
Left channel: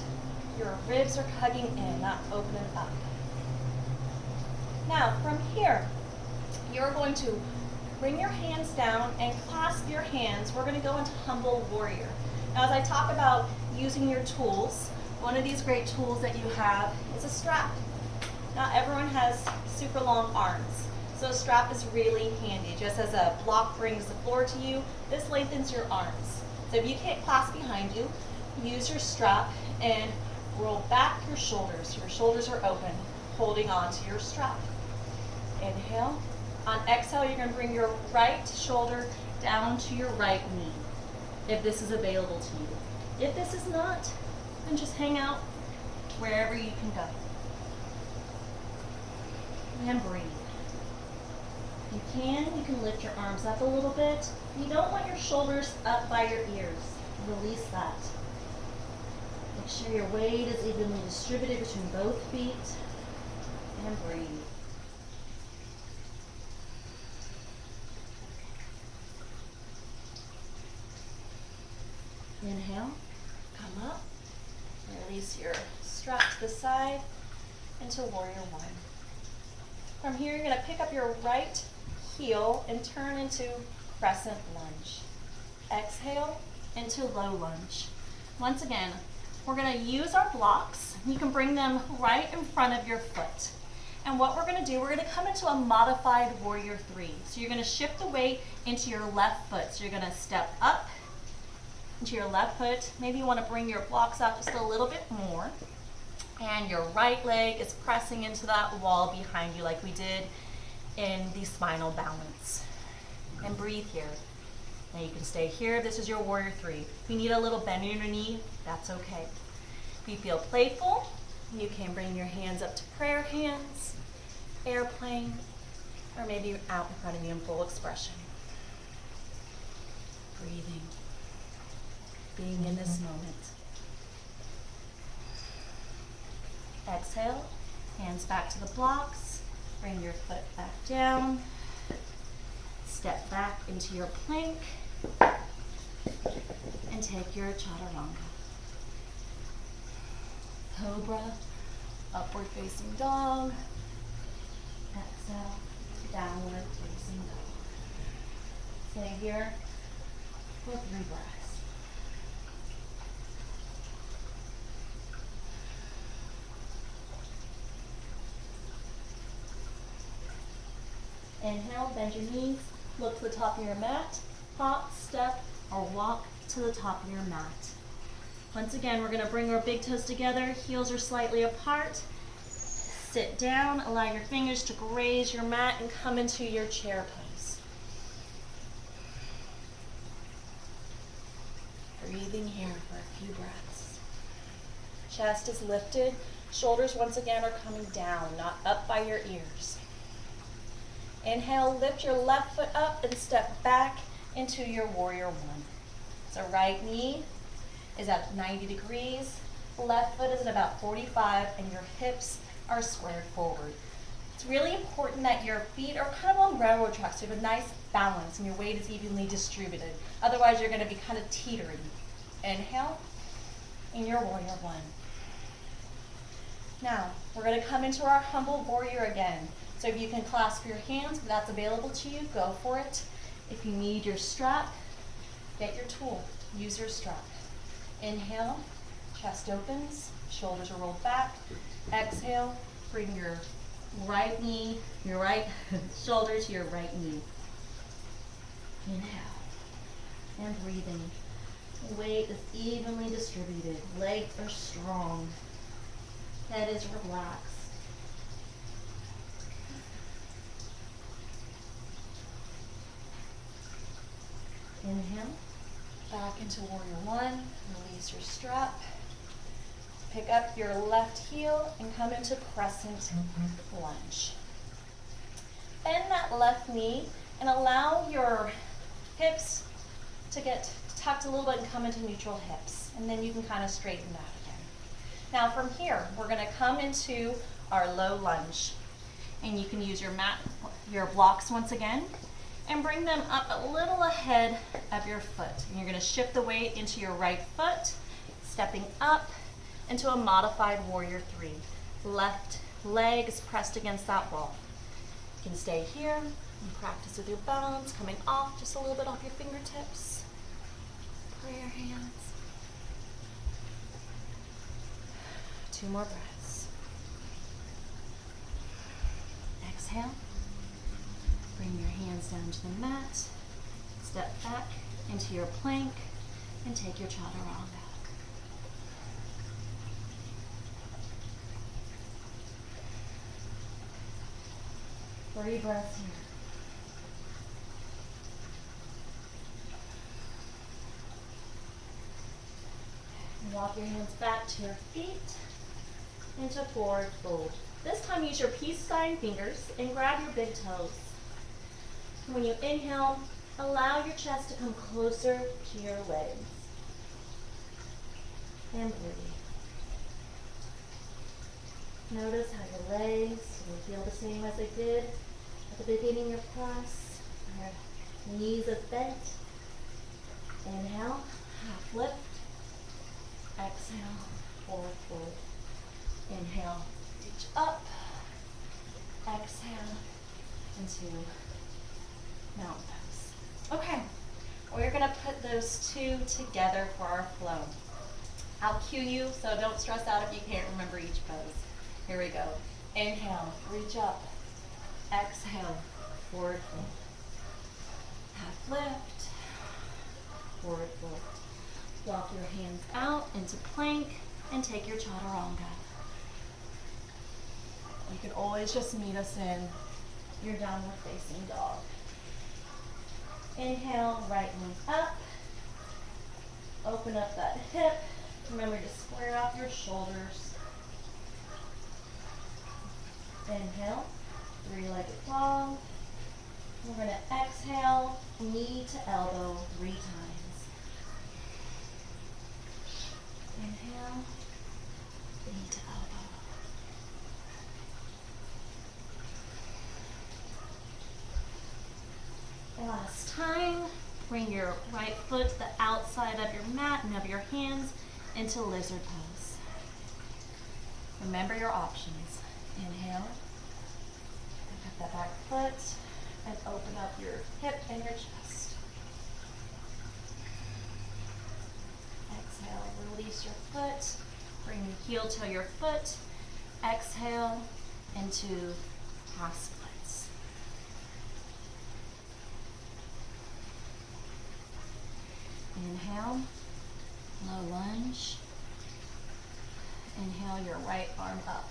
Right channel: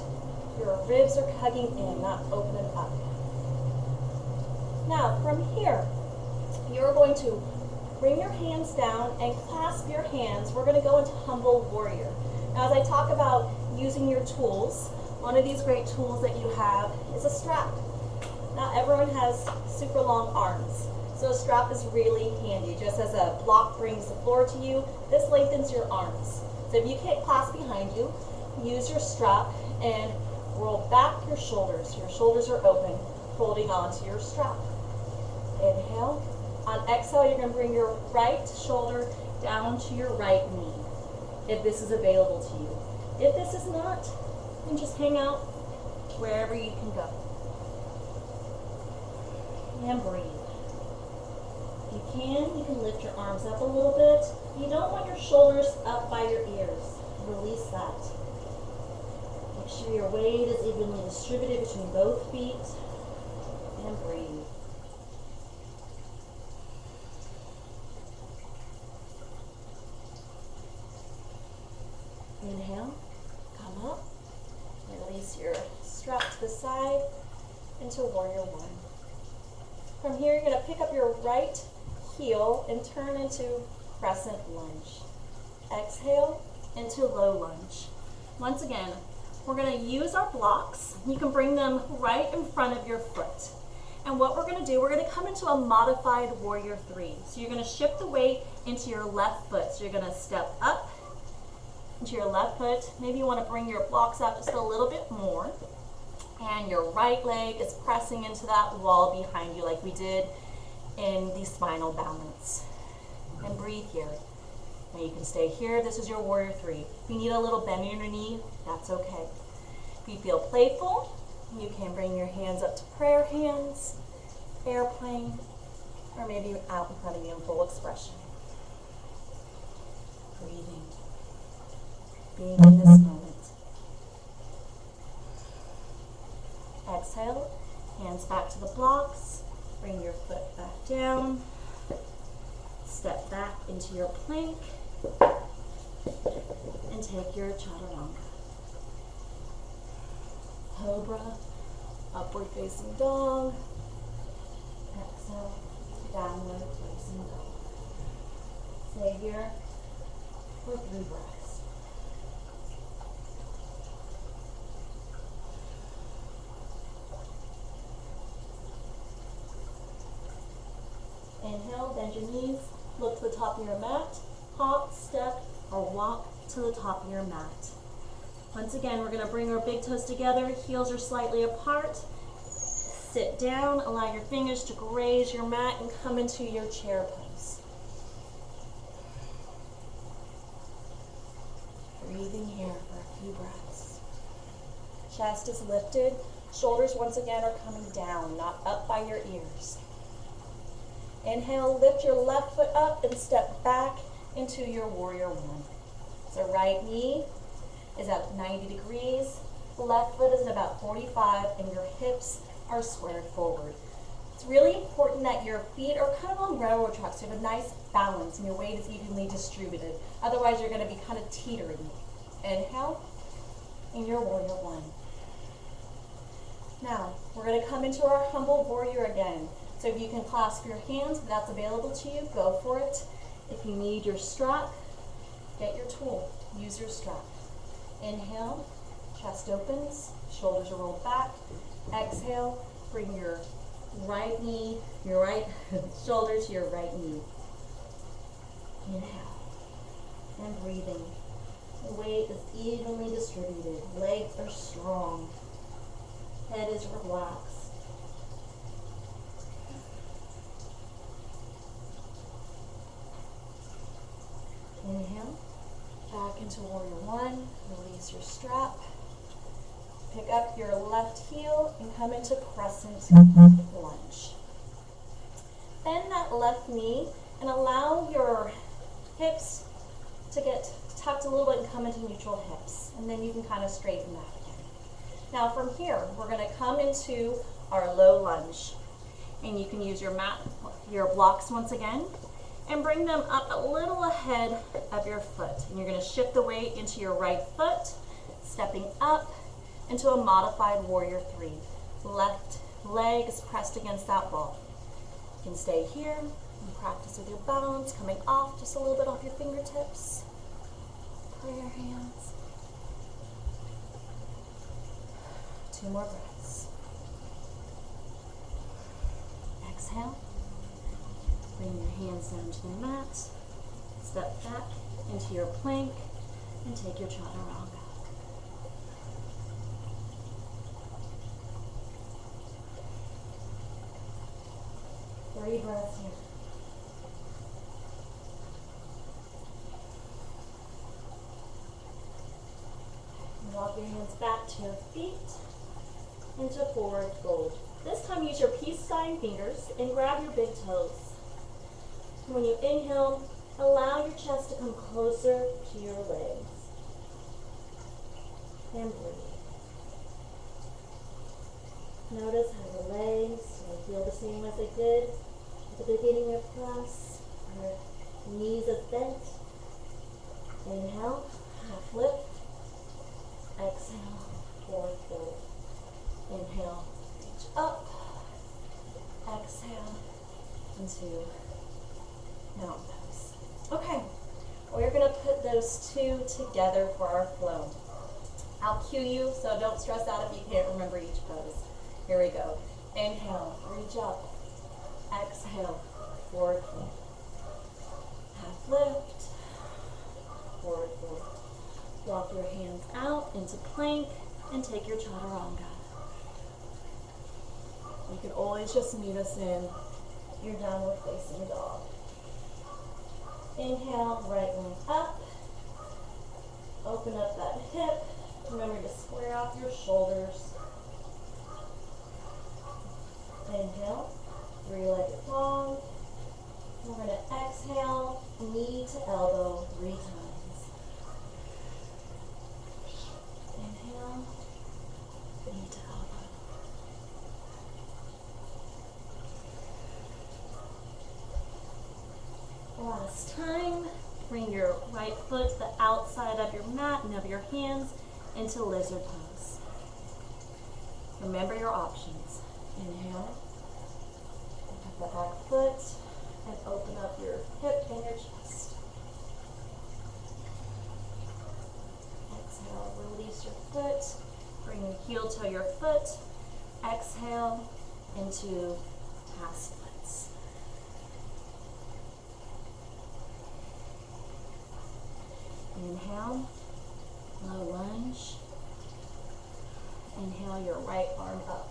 your ribs are hugging in, not opening up. Now, from here, you're going to bring your hands down and clasp your hands. We're going to go into humble warrior. Now, as I talk about using your tools, one of these great tools that you have is a strap. Not everyone has super long arms, so a strap is really handy. Just as a block brings the floor to you, this lengthens your arms. So if you can't clasp behind you, use your strap and roll back your shoulders. Your shoulders are open, holding on to your strap. Inhale. On exhale, you're going to bring your right shoulder down to your right knee, if this is available to you. If this is not, then just hang out wherever you can go. And breathe. If you can lift your arms up a little bit. You don't want your shoulders up by your ears. Release that. Make sure your weight is evenly distributed between both feet. And breathe. Inhale, come up, release your strap to the side into warrior one. From here, you're going to pick up your right heel and turn into crescent lunge. Exhale into low lunge. Once again, we're going to use our blocks. You can bring them right in front of your foot. And what we're going to do, we're going to come into a modified warrior three. So you're going to shift the weight into your left foot. So you're going to step up into your left foot. Maybe you want to bring your blocks out just a little bit more. And your right leg is pressing into that wall behind you like we did in the spinal balance. And breathe here. Now you can stay here. This is your warrior three. If you need a little bend in your knee, that's okay. If you feel playful, you can bring your hands up to prayer hands, airplane, or maybe out in front of you in full expression. Breathing. Being in this moment. Exhale, hands back to the blocks, bring your foot back down, step back into your plank, and take your chaturanga. Cobra, upward facing dog, exhale, downward facing dog. Stay here for 3 breaths. Inhale, bend your knees, look to the top of your mat, hop, step, or walk to the top of your mat. Once again, we're going to bring our big toes together, heels are slightly apart. Sit down, allow your fingers to graze your mat and come into your chair pose. Breathing here for a few breaths. Chest is lifted, shoulders once again are coming down, not up by your ears. Inhale, lift your left foot up and step back into your warrior one. So right knee is at 90 degrees, left foot is at about 45, and your hips are squared forward. It's really important that your feet are kind of on railroad tracks, so you have a nice balance and your weight is evenly distributed. Otherwise, you're going to be kind of teetering. Inhale, in your warrior one. Now, we're going to come into our humble warrior again. So if you can clasp your hands, if that's available to you, go for it. If you need your strap, get your tool. Use your strap. Inhale, chest opens, shoulders are rolled back. Exhale, bring your right knee, your right shoulder to your right knee. Inhale, and breathing. Weight is evenly distributed. Legs are strong. Head is relaxed. Inhale, back into warrior one, release your strap. Pick up your left heel and come into crescent lunge. Bend that left knee and allow your hips to get tucked a little bit and come into neutral hips. And then you can kind of straighten out again. Now from here, we're gonna come into our low lunge. And you can use your mat, your blocks once again, and bring them up a little ahead of your foot. And you're gonna shift the weight into your right foot, stepping up into a modified warrior three. Left leg is pressed against that wall. You can stay here and practice with your balance, coming off just a little bit off your fingertips. Prayer hands. 2 more breaths. Exhale. Bring your hands down to the mat. Step back into your plank and take your chaturanga. 3 breaths here. Walk your hands back to your feet into forward fold. This time use your peace sign fingers and grab your big toes. When you inhale, allow your chest to come closer to your legs. And breathe. Notice how your legs will feel the same as they did at the beginning of class. Your knees are bent. Inhale, half lift. Exhale, forward fold. Inhale, reach up. Exhale into mountain pose. Okay, we're gonna put those two together for our flow. I'll cue you, so don't stress out if you can't remember each pose. Here we go. Inhale, reach up. Exhale, forward fold. Half lift, forward fold. Walk your hands out into plank and take your chaturanga. You can always just meet us in your downward facing dog. Inhale, right leg up. Open up that hip. Remember to square off your shoulders. Inhale, 3-legged dog. We're going to exhale, knee to elbow 3 times. Inhale, knee to elbow. Last time, bring your right foot to the outside of your mat and of your hands into lizard pose. Remember your options. Inhale, pick up the back foot and open up your hip and your chest. Exhale, release your foot, bring your heel to your foot. Exhale into half splits. Inhale, low lunge. Inhale your right arm up.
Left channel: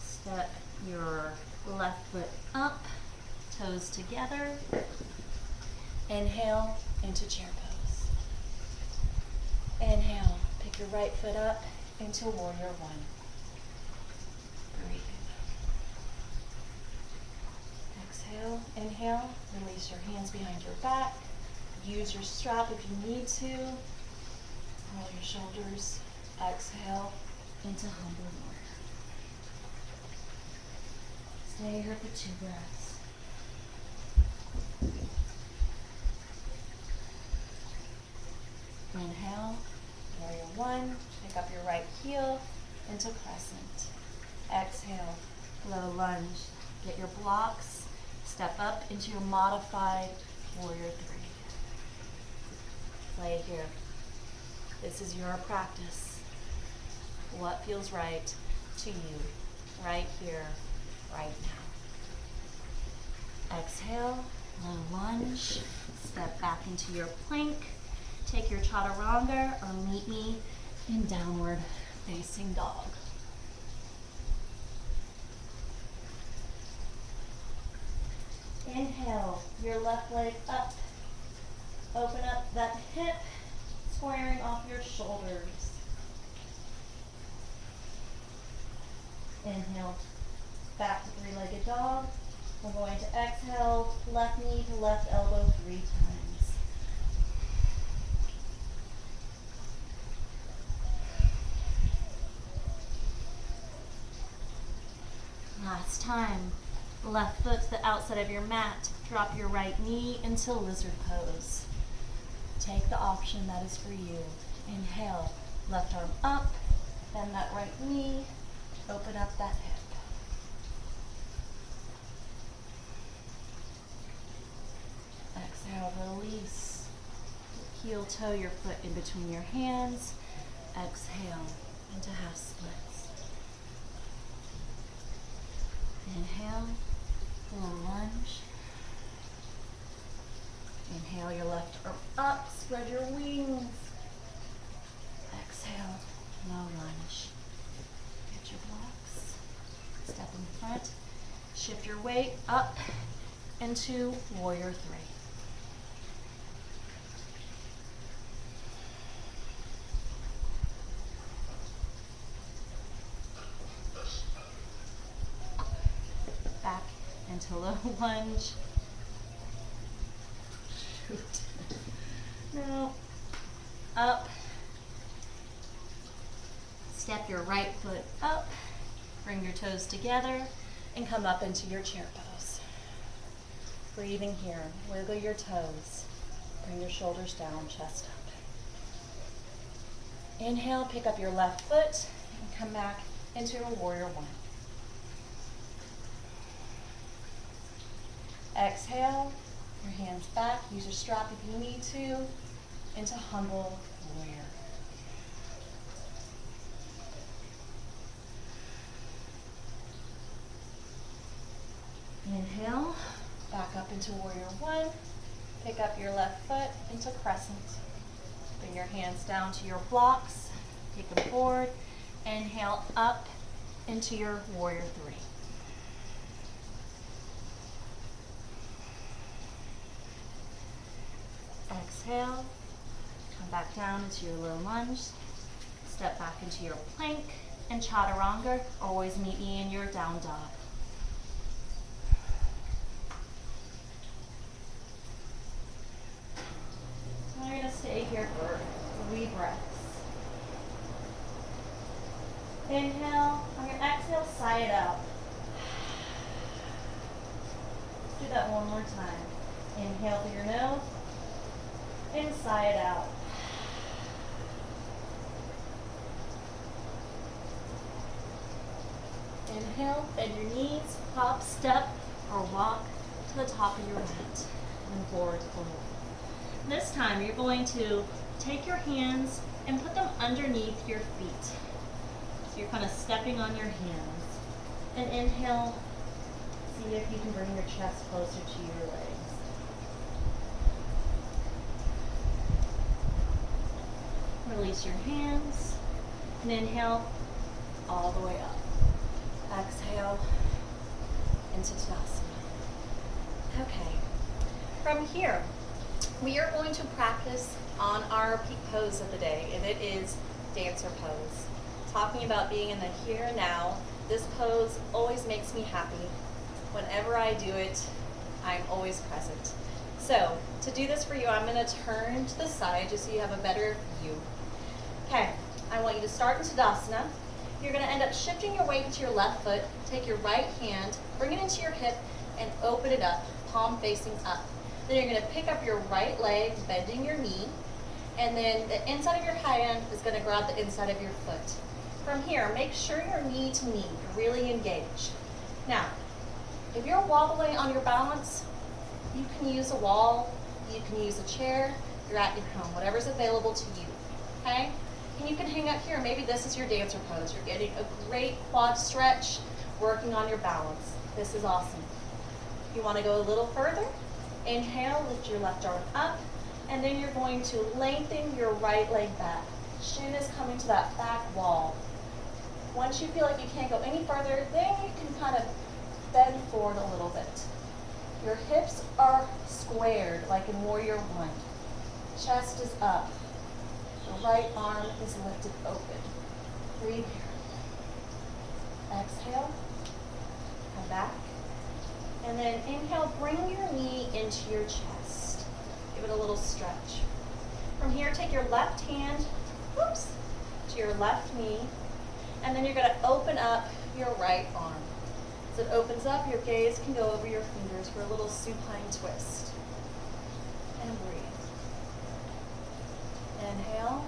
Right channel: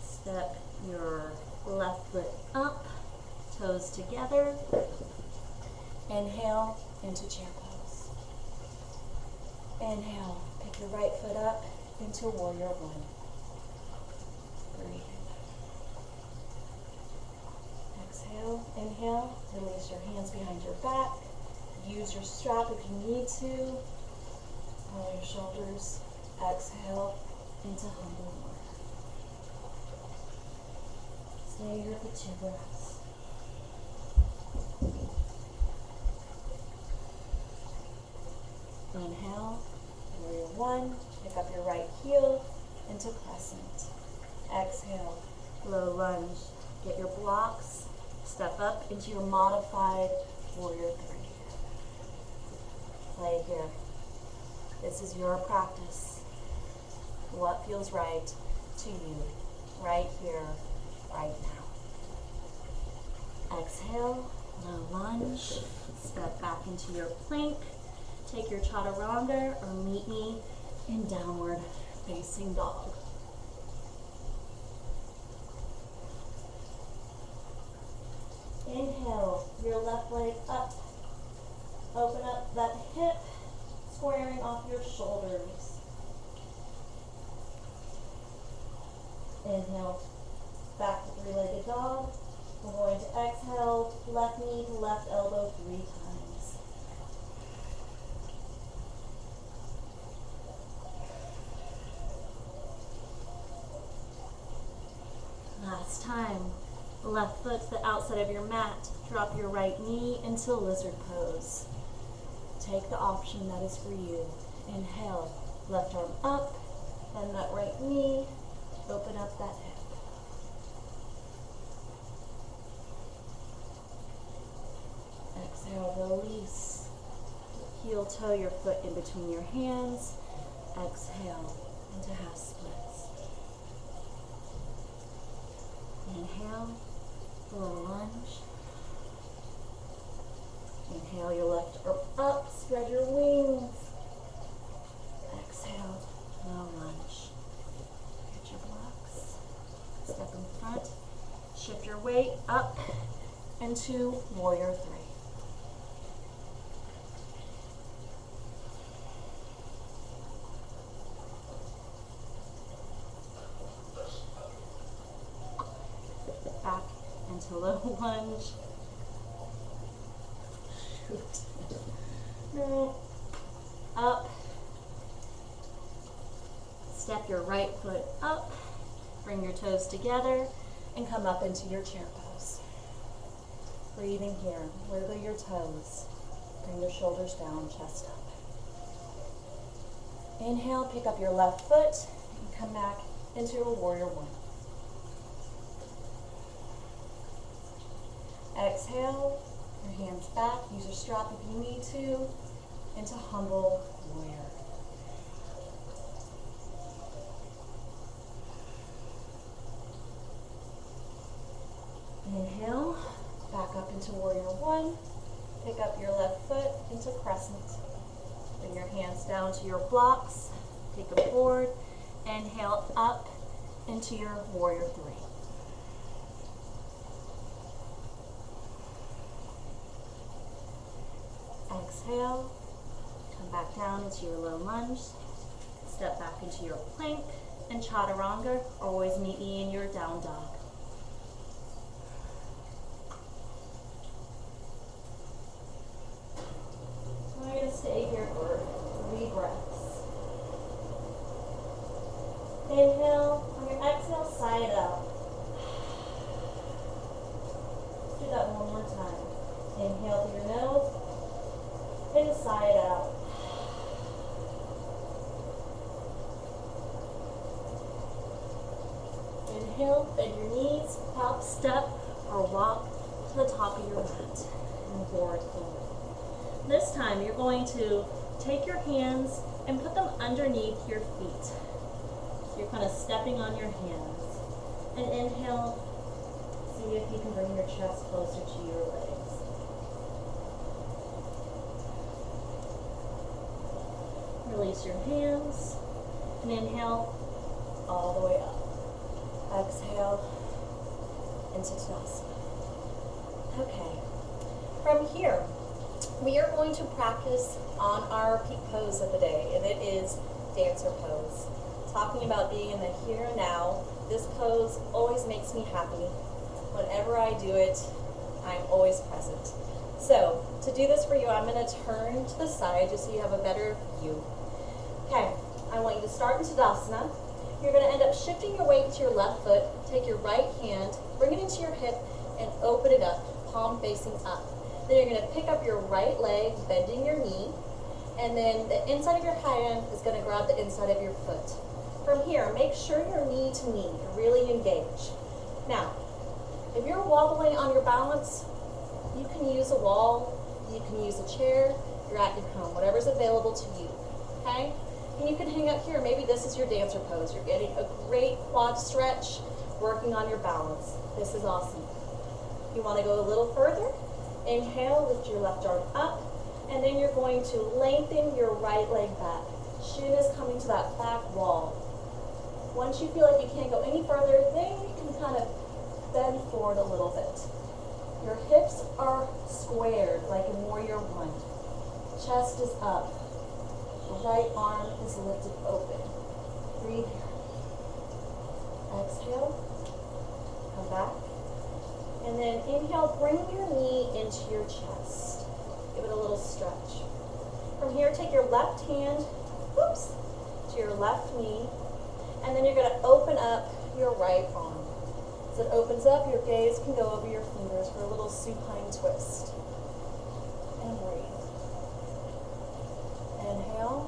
Step your left foot up, toes together. Inhale into chair pose. Inhale, pick your right foot up into warrior one. Breathe. Exhale, inhale, release your hands behind your back. Use your strap if you need to. Roll your shoulders. Exhale into humble warrior. Stay here for 2 breaths. Inhale, warrior one. Pick up your right heel into crescent. Exhale, low lunge. Get your blocks. Step up into your modified warrior three. Play here. This is your practice. What feels right to you, right here, right now. Exhale, low lunge. Step back into your plank. Take your chaturanga or meet me in downward facing dog. Inhale, your left leg up. Open up that hip, squaring off your shoulders. Inhale, back to 3-legged dog. We're going to exhale, left knee to left elbow 3 times. Last time. Left foot to the outside of your mat. Drop your right knee into lizard pose. Take the option that is for you. Inhale, left arm up, bend that right knee, open up that hip. Exhale, release. Heel toe your foot in between your hands. Exhale into half splits. Inhale, low lunge. Inhale your left arm up, spread your wings. Exhale, low lunge. Get your blocks. Step in front. Shift your weight up into warrior 3. Back into low lunge. Shoot. No. Up. Step your right foot up. Bring your toes together and come up into your chair pose. Breathing here. Wiggle your toes. Bring your shoulders down, chest up. Inhale, pick up your left foot and come back into your warrior 1. Exhale, your hands back, use your strap if you need to, into humble warrior. Inhale, back up into warrior 1, pick up your left foot into crescent. Bring your hands down to your blocks, take them forward, inhale up into your warrior 3. Exhale, come back down into your low lunge, step back into your plank and chaturanga. Always meet me in your down dog. So I'm going to stay here for 3 breaths. Inhale, on your exhale, sigh it out. Do that one more time. Inhale through your nose. And sigh it out. Inhale, bend your knees, hop, step, or walk to the top of your mat and forward fold. This time you're going to take your hands and put them underneath your feet. So you're kind of stepping on your hands. And inhale, see if you can bring your chest closer to your legs. Release your hands and inhale all the way up. Exhale into Tadasana. Okay, from here, we are going to practice on our peak pose of the day, and it is dancer pose. Talking about being in the here and now, this pose always makes me happy. Whenever I do it, I'm always present. So, to do this for you, I'm going to turn to the side just so you have a better view. Okay, I want you to start in Tadasana. You're going to end up shifting your weight to your left foot. Take your right hand, bring it into your hip, and open it up, palm facing up. Then you're going to pick up your right leg, bending your knee, and then the inside of your hand is going to grab the inside of your foot. From here, make sure you're knee to knee, really engaged. Now, if you're wobbling on your balance, you can use a wall, you can use a chair, you're at your home, whatever's available to you, okay? And you can hang out here. Maybe this is your dancer pose. You're getting a great quad stretch, working on your balance. This is awesome. If you want to go a little further, inhale, lift your left arm up, and then you're going to lengthen your right leg back. Shin is coming to that back wall. Once you feel like you can't go any further, then you can kind of bend forward a little bit. Your hips are squared like in Warrior 1. Chest is up. The right arm is lifted open. Breathe here. Exhale. Come back. And then bring your knee into your chest. Give it a little stretch. From here, take your left hand, whoops, to your left knee, and then you're going to open up your right arm. As it opens up, your gaze can go over your fingers for a little supine twist. And breathe. Inhale,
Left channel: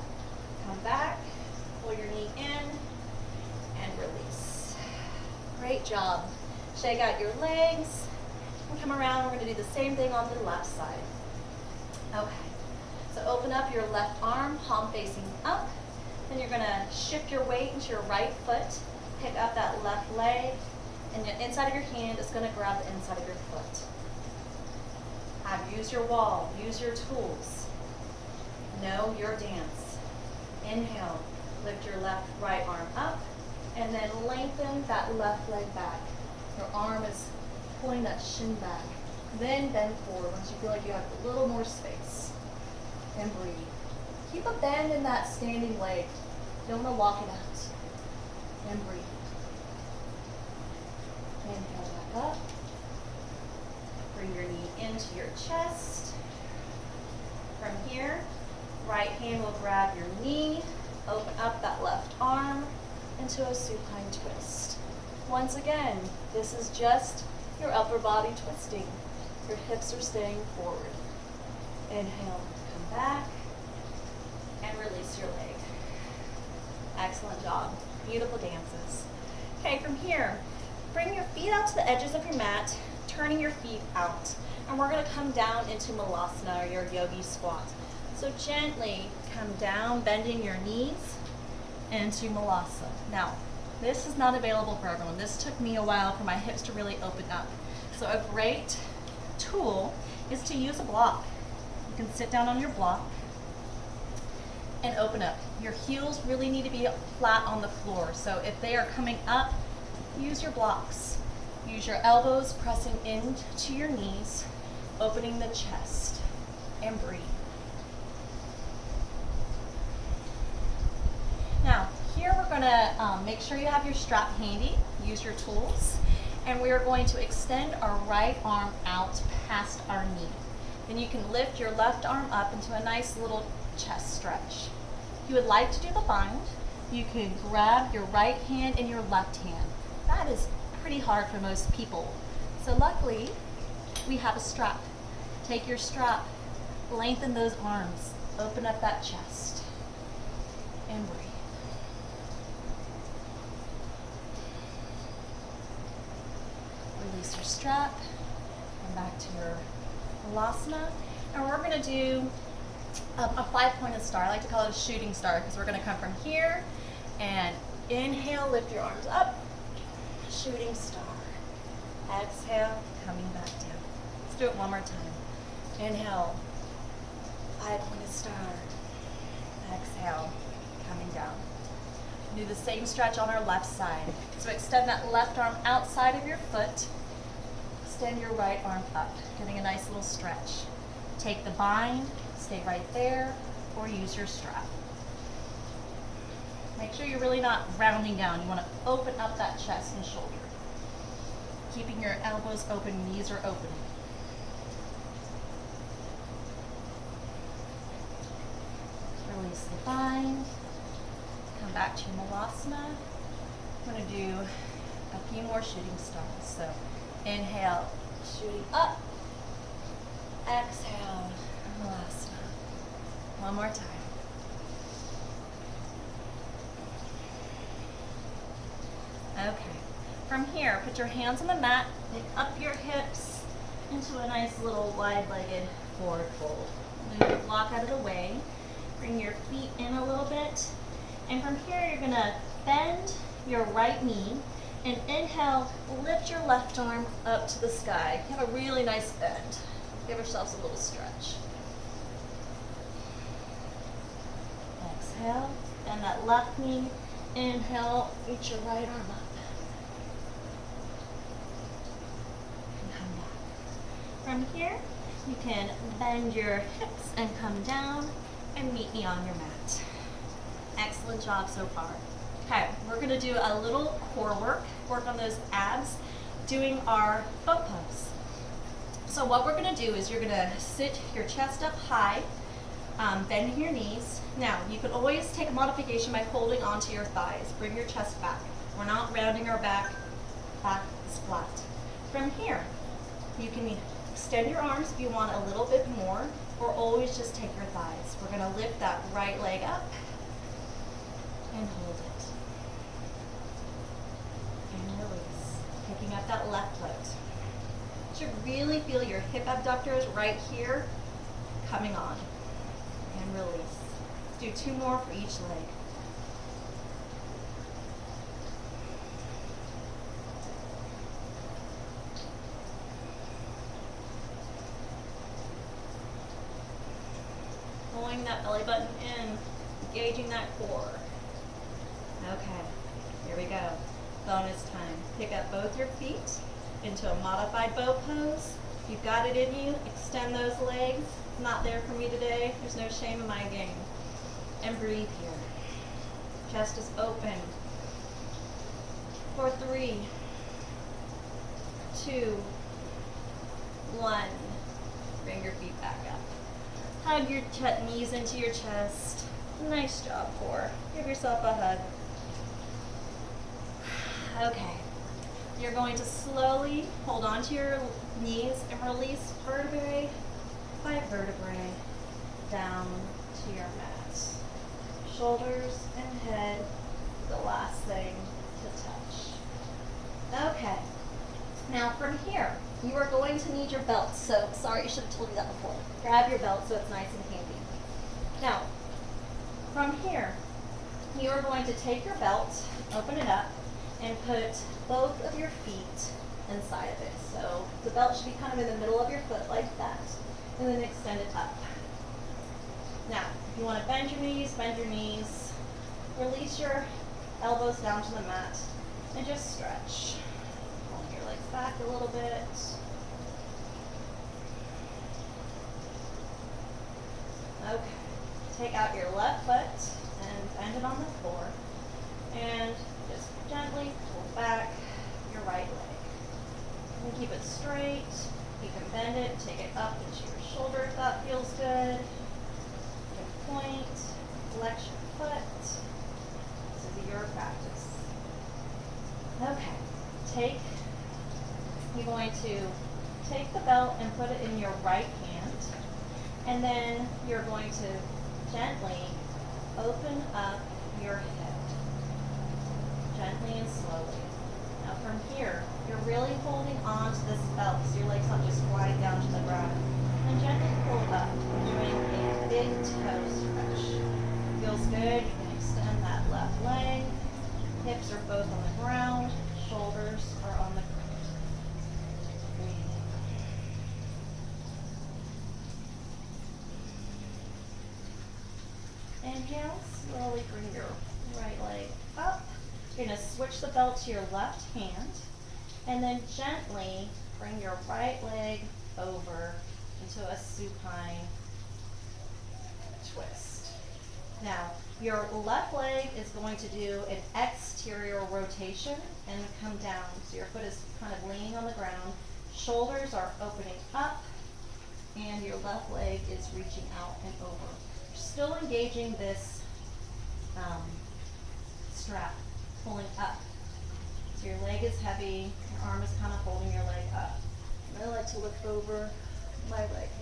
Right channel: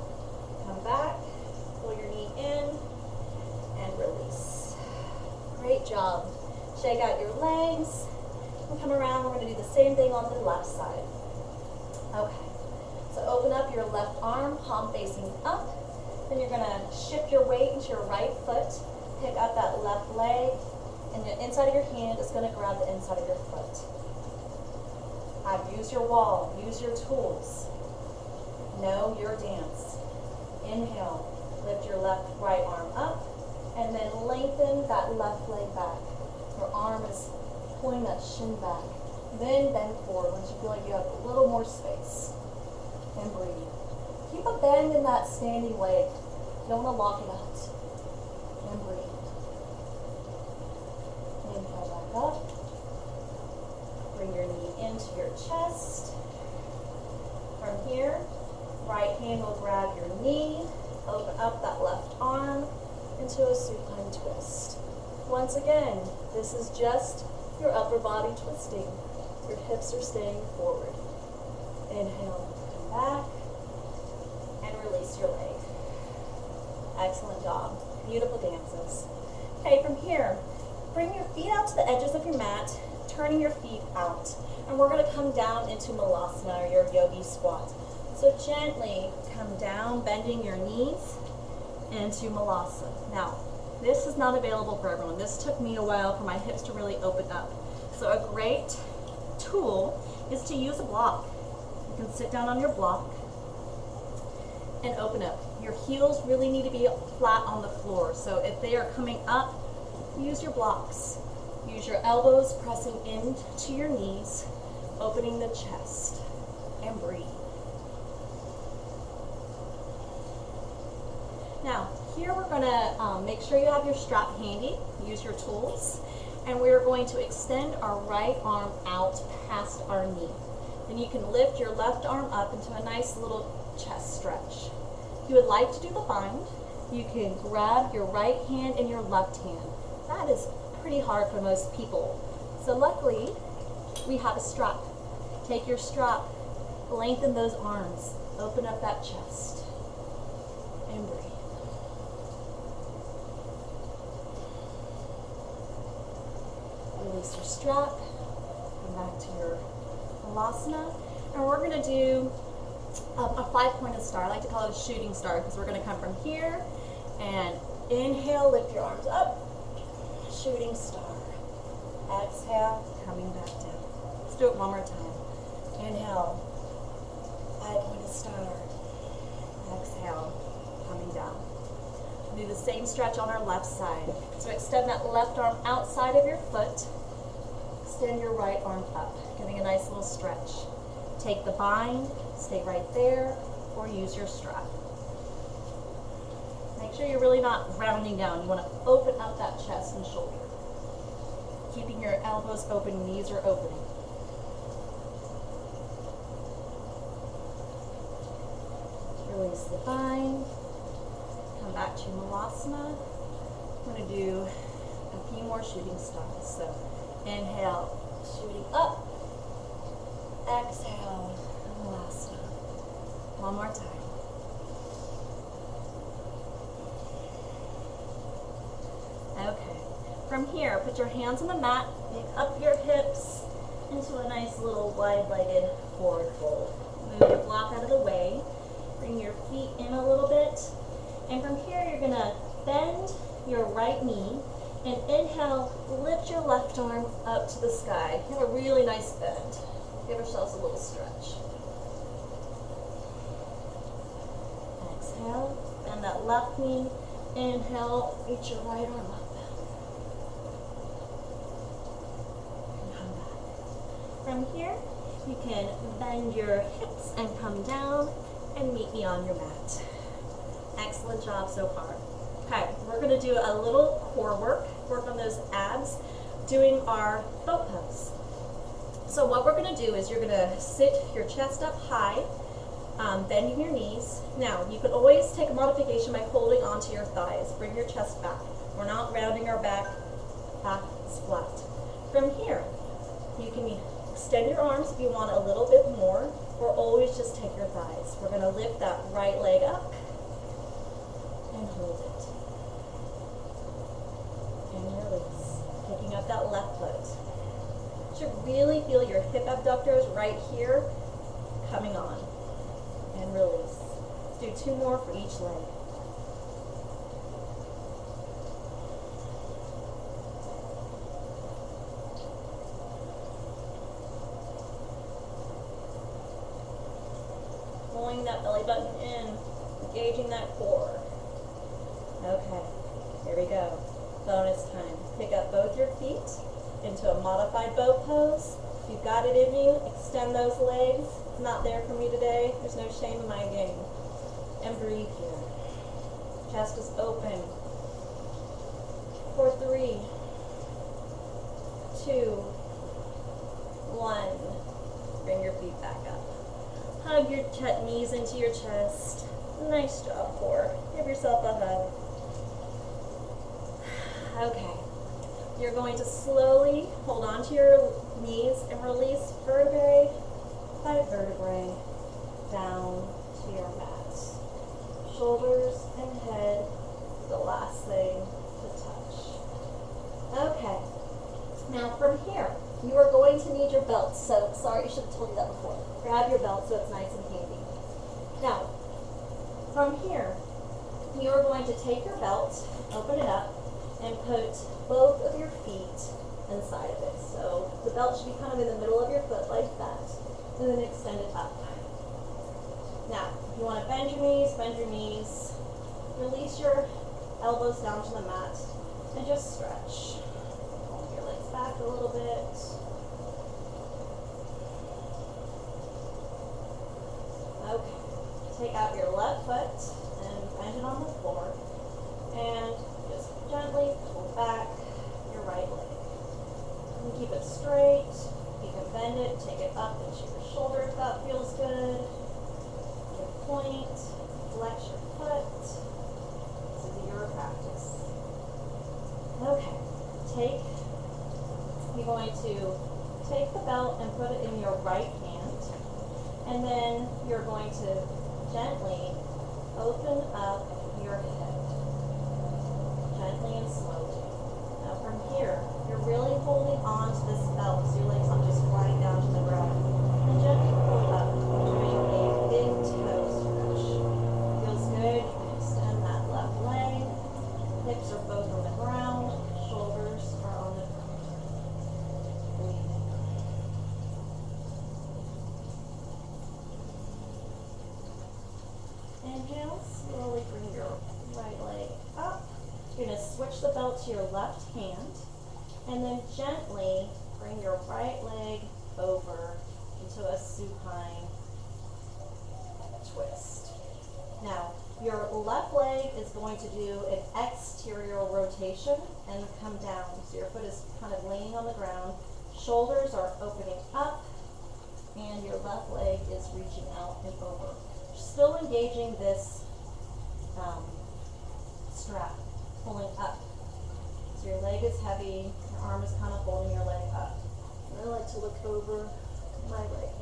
come back, pull your knee in, and release. Great job. Shake out your legs, and come around. We're going to do the same thing on the left side. Okay. So open up your left arm, palm facing up. Then you're going to shift your weight into your right foot, pick up that left leg, and the inside of your hand is going to grab the inside of your foot. Use your wall, use your tools. Know your dance. Inhale, lift your right arm up, and then lengthen that left leg back. Your arm is pulling that shin back. Then bend forward once you feel like you have a little more space. And breathe. Keep a bend in that standing leg. You don't want to lock it out. And breathe. Inhale back up. Bring your knee into your chest. From here, right hand will grab your knee. Open up that left arm into a supine twist. Once again, this is just your upper body twisting. Your hips are staying forward. Inhale, come back, and release your leg. Excellent job. Beautiful dances. Okay, from here, bring your feet out to the edges of your mat, turning your feet out. And we're going to come down into Malasana, or your yogi squat. So gently come down, bending your knees into Malasana. Now, this is not available for everyone. This took me a while for my hips to really open up. So a great tool is to use a block. You can sit down on your block and open up. Your heels really need to be flat on the floor. So if they are coming up, use your blocks. Use your elbows pressing into your knees, opening the chest, and breathe. Now, here we're going to make sure you have your strap handy. Use your tools. And we are going to extend our right arm out past our knee. Then you can lift your left arm up into a nice little chest stretch. If you would like to do the bind, you can grab your right hand in your left hand. That is pretty hard for most people. So luckily, we have a strap. Take your strap, lengthen those arms, open up that chest, and breathe. Release your strap, and back to your Malasana. And we're going to do a 5-pointed star. I like to call it a shooting star because we're going to come from here and inhale, lift your arms up, shooting star. Exhale, coming back down. Let's do it one more time. Inhale, 5-pointed star. Exhale, coming down. Do the same stretch on our left side. So extend that left arm outside of your foot. Extend your right arm up, getting a nice little stretch. Take the bind, stay right there, or use your strap. Make sure you're really not rounding down. You want to open up that chest and shoulder. Keeping your elbows open, knees are open. Release the bind. Come back to Malasana. I'm going to do a few more shooting stars. So inhale, shooting up. Exhale, Malasana. One more time. Okay. From here, put your hands on the mat, pick up your hips into a nice little wide-legged forward fold. Move your block out of the way. Bring your feet in a little bit. And from here, you're going to bend your right knee and inhale, lift your left arm up to the sky. Have a really nice bend. Give yourselves a little stretch. Exhale, bend that left knee. Inhale, reach your right arm up. And come back. From here, you can bend your hips and come down and meet me on your mat. Excellent job so far. Okay, we're going to do a little core work on those abs, doing our boat pose. So what we're gonna do is you're gonna sit your chest up high, bending your knees. Now, you could always take a modification by holding onto your thighs. Bring your chest back. We're not rounding our back is flat. From here, you can extend your arms if you want a little bit more, or always just take your thighs. We're gonna lift that right leg up and hold it. And release, picking up that left foot. You should really feel your hip abductors right here coming on. And release. Let's do 2 more for each leg. Pulling that belly button in, engaging that core. Okay, here we go. Bonus time. Pick up both your feet into a modified boat pose. If you've got it in you, extend those legs. It's not there for me today. There's no shame in my game. And breathe here. Chest is open. For 3, 2, 1. Bring your feet back up. Hug your knees into your chest. Nice job, core. Give yourself a hug. Okay. You're going to slowly hold onto your knees and release vertebrae by vertebrae down to your mat. Shoulders and head, the last thing to touch. Okay. Now from here, you are going to need your belt. So, sorry, I should have told you that before. Grab your belt so it's nice and handy. Now, from here, you are going to take your belt, open it up, and put both of your feet inside of it. So the belt should be kind of in the middle of your foot like that, and then extend it up. Now, if you want to bend your knees, release your elbows down to the mat, and just stretch. Pull your legs back a little bit. Okay, take out your left foot and bend it on the floor, and just gently pull back your right leg. And keep it straight. You can bend it, take it up into your shoulder if that feels good. Your point, flex your foot. This is your practice. Okay, you're going to take the belt and put it in your right hand, and then you're going to gently open up your hip. Gently and slowly. Now from here, you're really holding on to this belt so your legs aren't just flying down to the ground. And gently pull up, doing a big toe stretch. Feels good. You can extend that left leg. Hips are both on the ground. Shoulders are on the ground. Breathe. Inhale, slowly bring your right leg up. You're going to switch the belt to your left hand, and then gently bring your right leg over into a supine twist. Now, your left leg is going to do an exterior rotation and come down. So your foot is kind of laying on the ground. Shoulders are opening up, and your left leg is reaching out and over. Still engaging this strap, pulling up. So your leg is heavy, your arm is kind of holding your leg up. And I like to look over my right hand.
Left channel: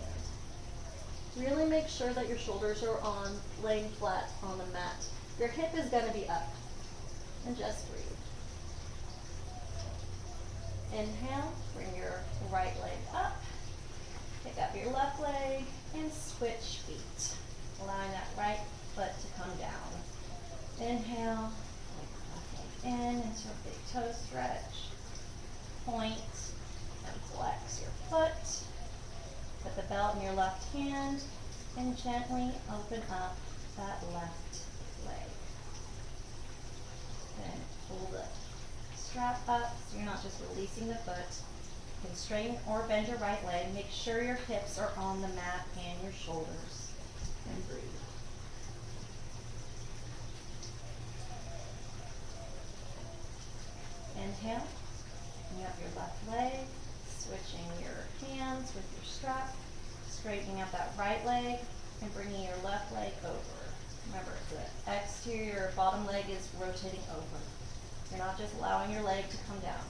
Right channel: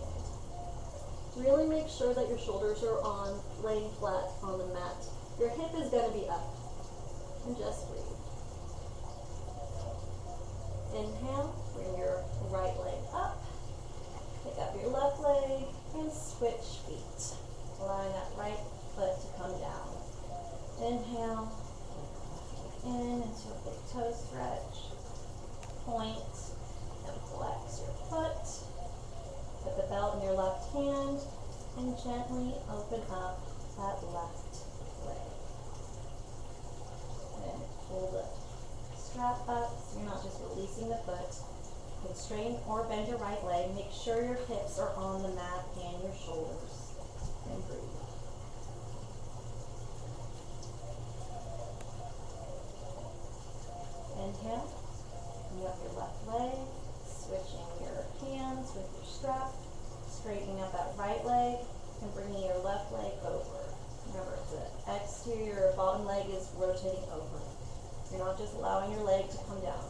Really make sure that your shoulders are laying flat on the mat. Your hip is going to be up. And just breathe. Inhale, bring your right leg up. Pick up your left leg and switch feet. Allowing that right foot to come down. Inhale, in into a big toe stretch. Point and flex your foot. Put the belt in your left hand and gently open up that left leg. And pull the strap up so you're not just releasing the foot. You can straighten or bend your right leg. Make sure your hips are on the mat and your shoulders. And breathe. Inhale. Bring up your left leg. switching your hands with your strap, straightening out that right leg and bringing your left leg over. Remember, the exterior bottom leg is rotating over. You're not just allowing your leg to come down.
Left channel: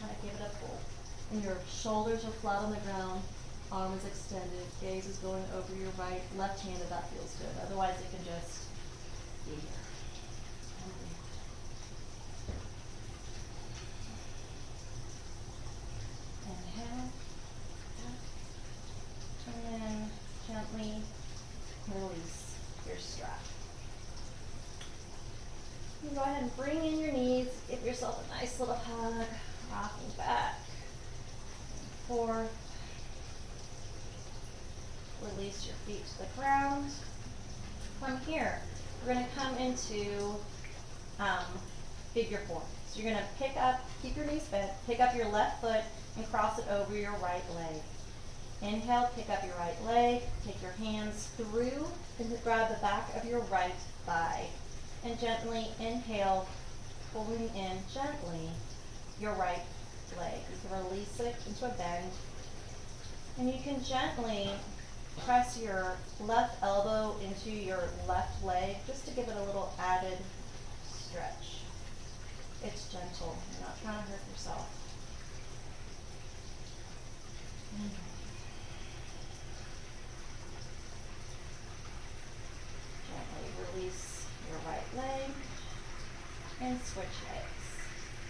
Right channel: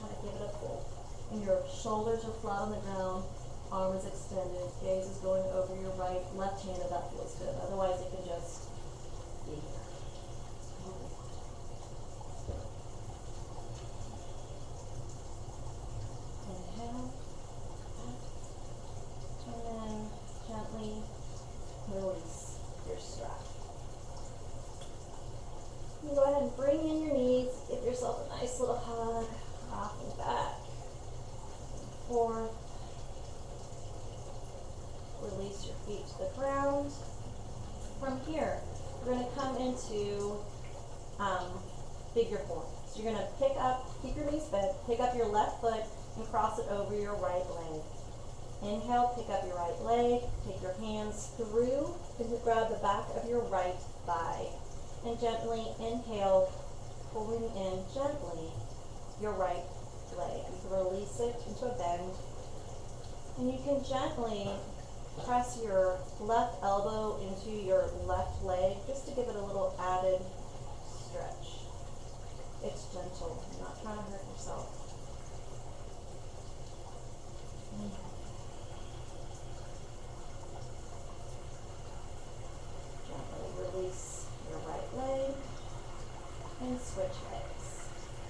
Kind of give it a pull. And your shoulders are flat on the ground, arm is extended, gaze is going over your right, left hand if that feels good. Otherwise, it can just be here. Inhale, and then gently release your strap. You can go ahead and bring in your knees, give yourself a nice little hug, rocking back and forth. Release your feet to the ground. From here, we're going to come into figure four. So you're going to pick up, keep your knees bent, pick up your left foot and cross it over your right leg. Inhale, pick up your right leg, take your hands through and grab the back of your right thigh. And gently inhale, pulling in gently your right leg. You can release it into a bend. And you can gently press your left elbow into your left leg just to give it a little added stretch. It's gentle. You're not trying to hurt yourself. Gently release your right leg and switch legs.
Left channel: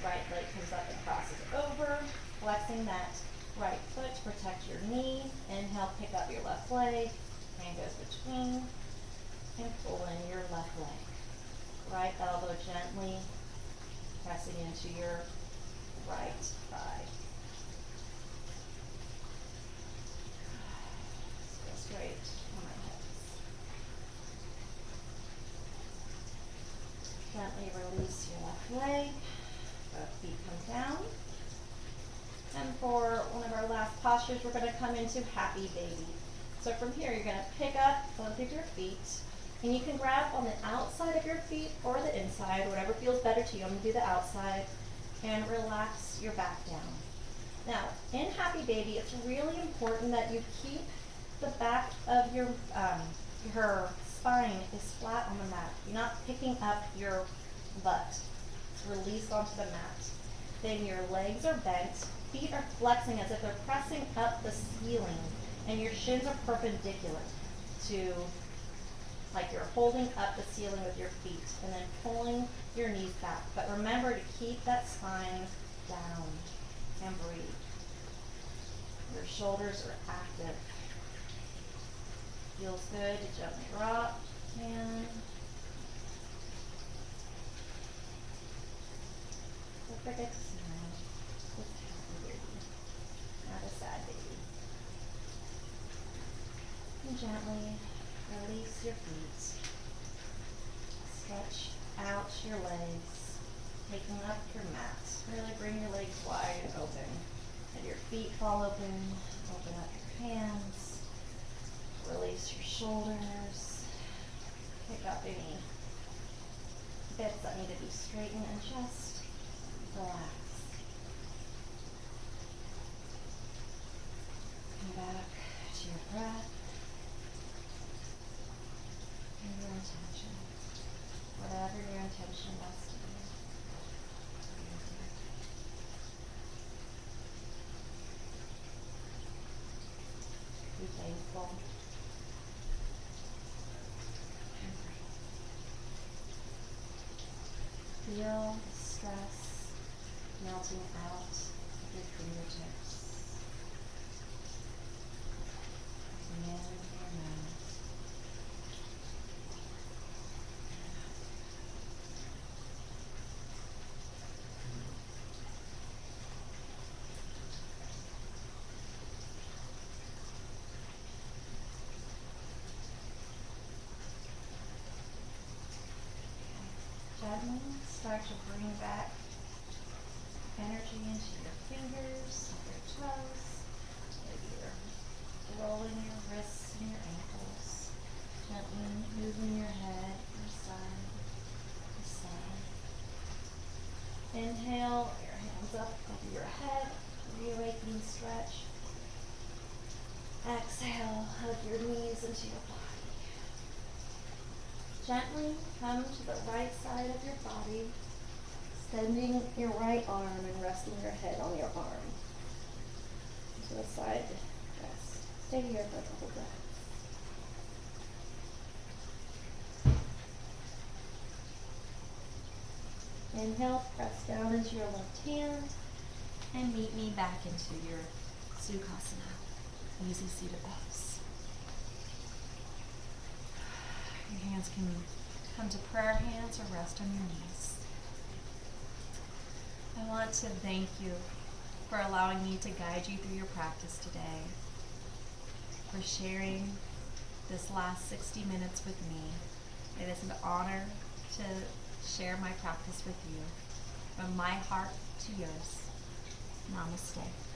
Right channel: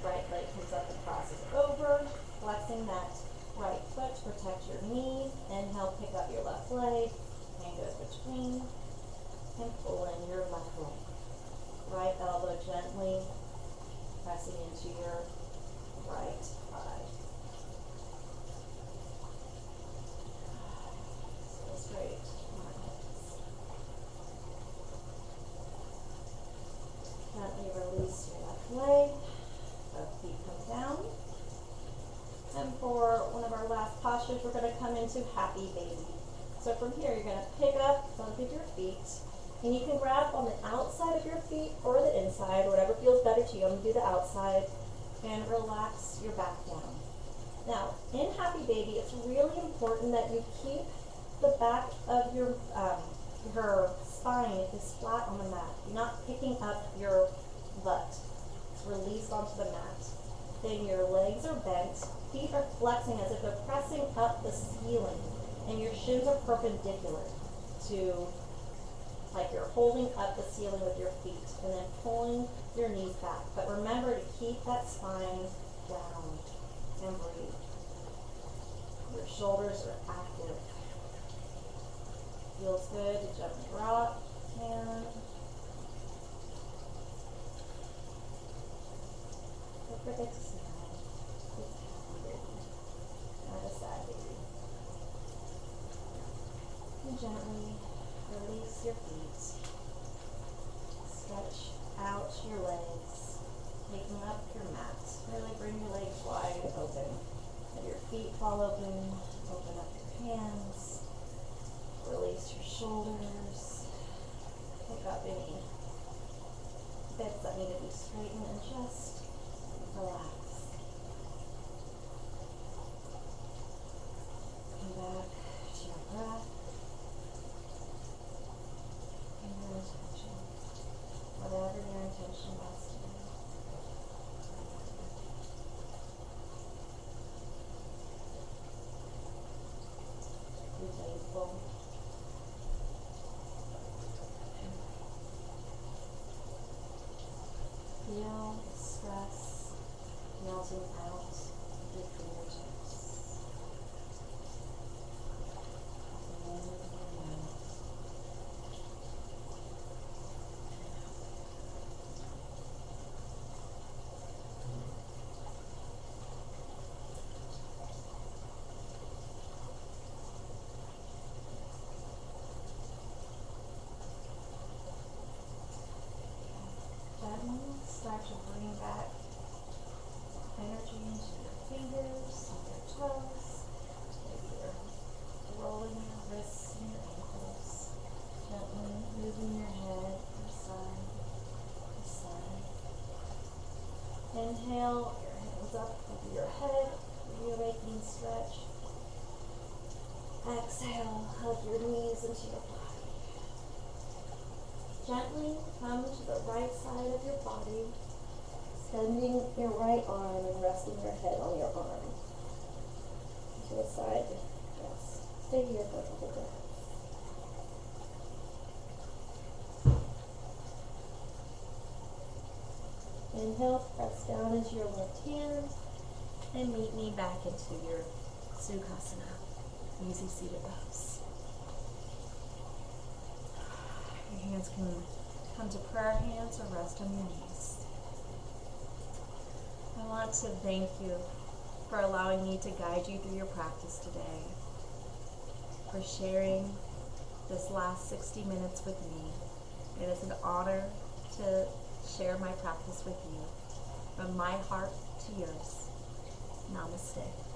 Right leg comes up and crosses over, flexing that right foot to protect your knee. Inhale, pick up your left leg, hand goes between, and pull in your left leg. Right elbow gently pressing into your right thigh. So straight on my hips. Gently release your left leg, both feet come down. And for one of our last postures, we're going to come into happy baby. So from here, you're going to pick up both of your feet, and you can grab on the outside of your feet or the inside, whatever feels better to you. I'm going to do the outside, and relax your back down. Now, in happy baby, it's really important that you keep the back of your her spine is flat on the mat. You're not picking up your butt. It's released onto the mat. Then your legs are bent. Feet are flexing as if they're pressing up the ceiling, and your shins are perpendicular to, like you're holding up the ceiling with your feet, and then pulling your knees back. But remember to keep that spine down and breathe. Your shoulders are active. Feels good to gently drop and don't forget to smile. It's happy baby, not a sad baby. And gently release your feet. Stretch out your legs, taking up your mat. Really bring your legs wide and open. Let your feet fall open. Open up your hands. Release your shoulders. Pick up any bits that need to be straightened and just relax. Come back to your breath and your intention. Whatever your intention was today. Be thankful. Feel the stress melting out of your fingertips and your mouth. Gently start to bring back energy into your fingers, your toes. Maybe you're rolling your wrists and your ankles. Gently moving your head from side to side. Inhale, your hands up over your head, reawakening stretch. Exhale, hug your knees into your body. Gently come to the right side of your body, extending your right arm and resting your head on your arm. To the side rest. Stay here for a couple breaths. Inhale, press down into your left hand And meet me back into your Sukhasana, easy seated pose. Your hands can come to prayer hands or rest on your knees. I want to thank you for allowing me to guide you through your practice today, for sharing this last 60 minutes with me. It is an honor to share my practice with you, from my heart to yours. Namaste.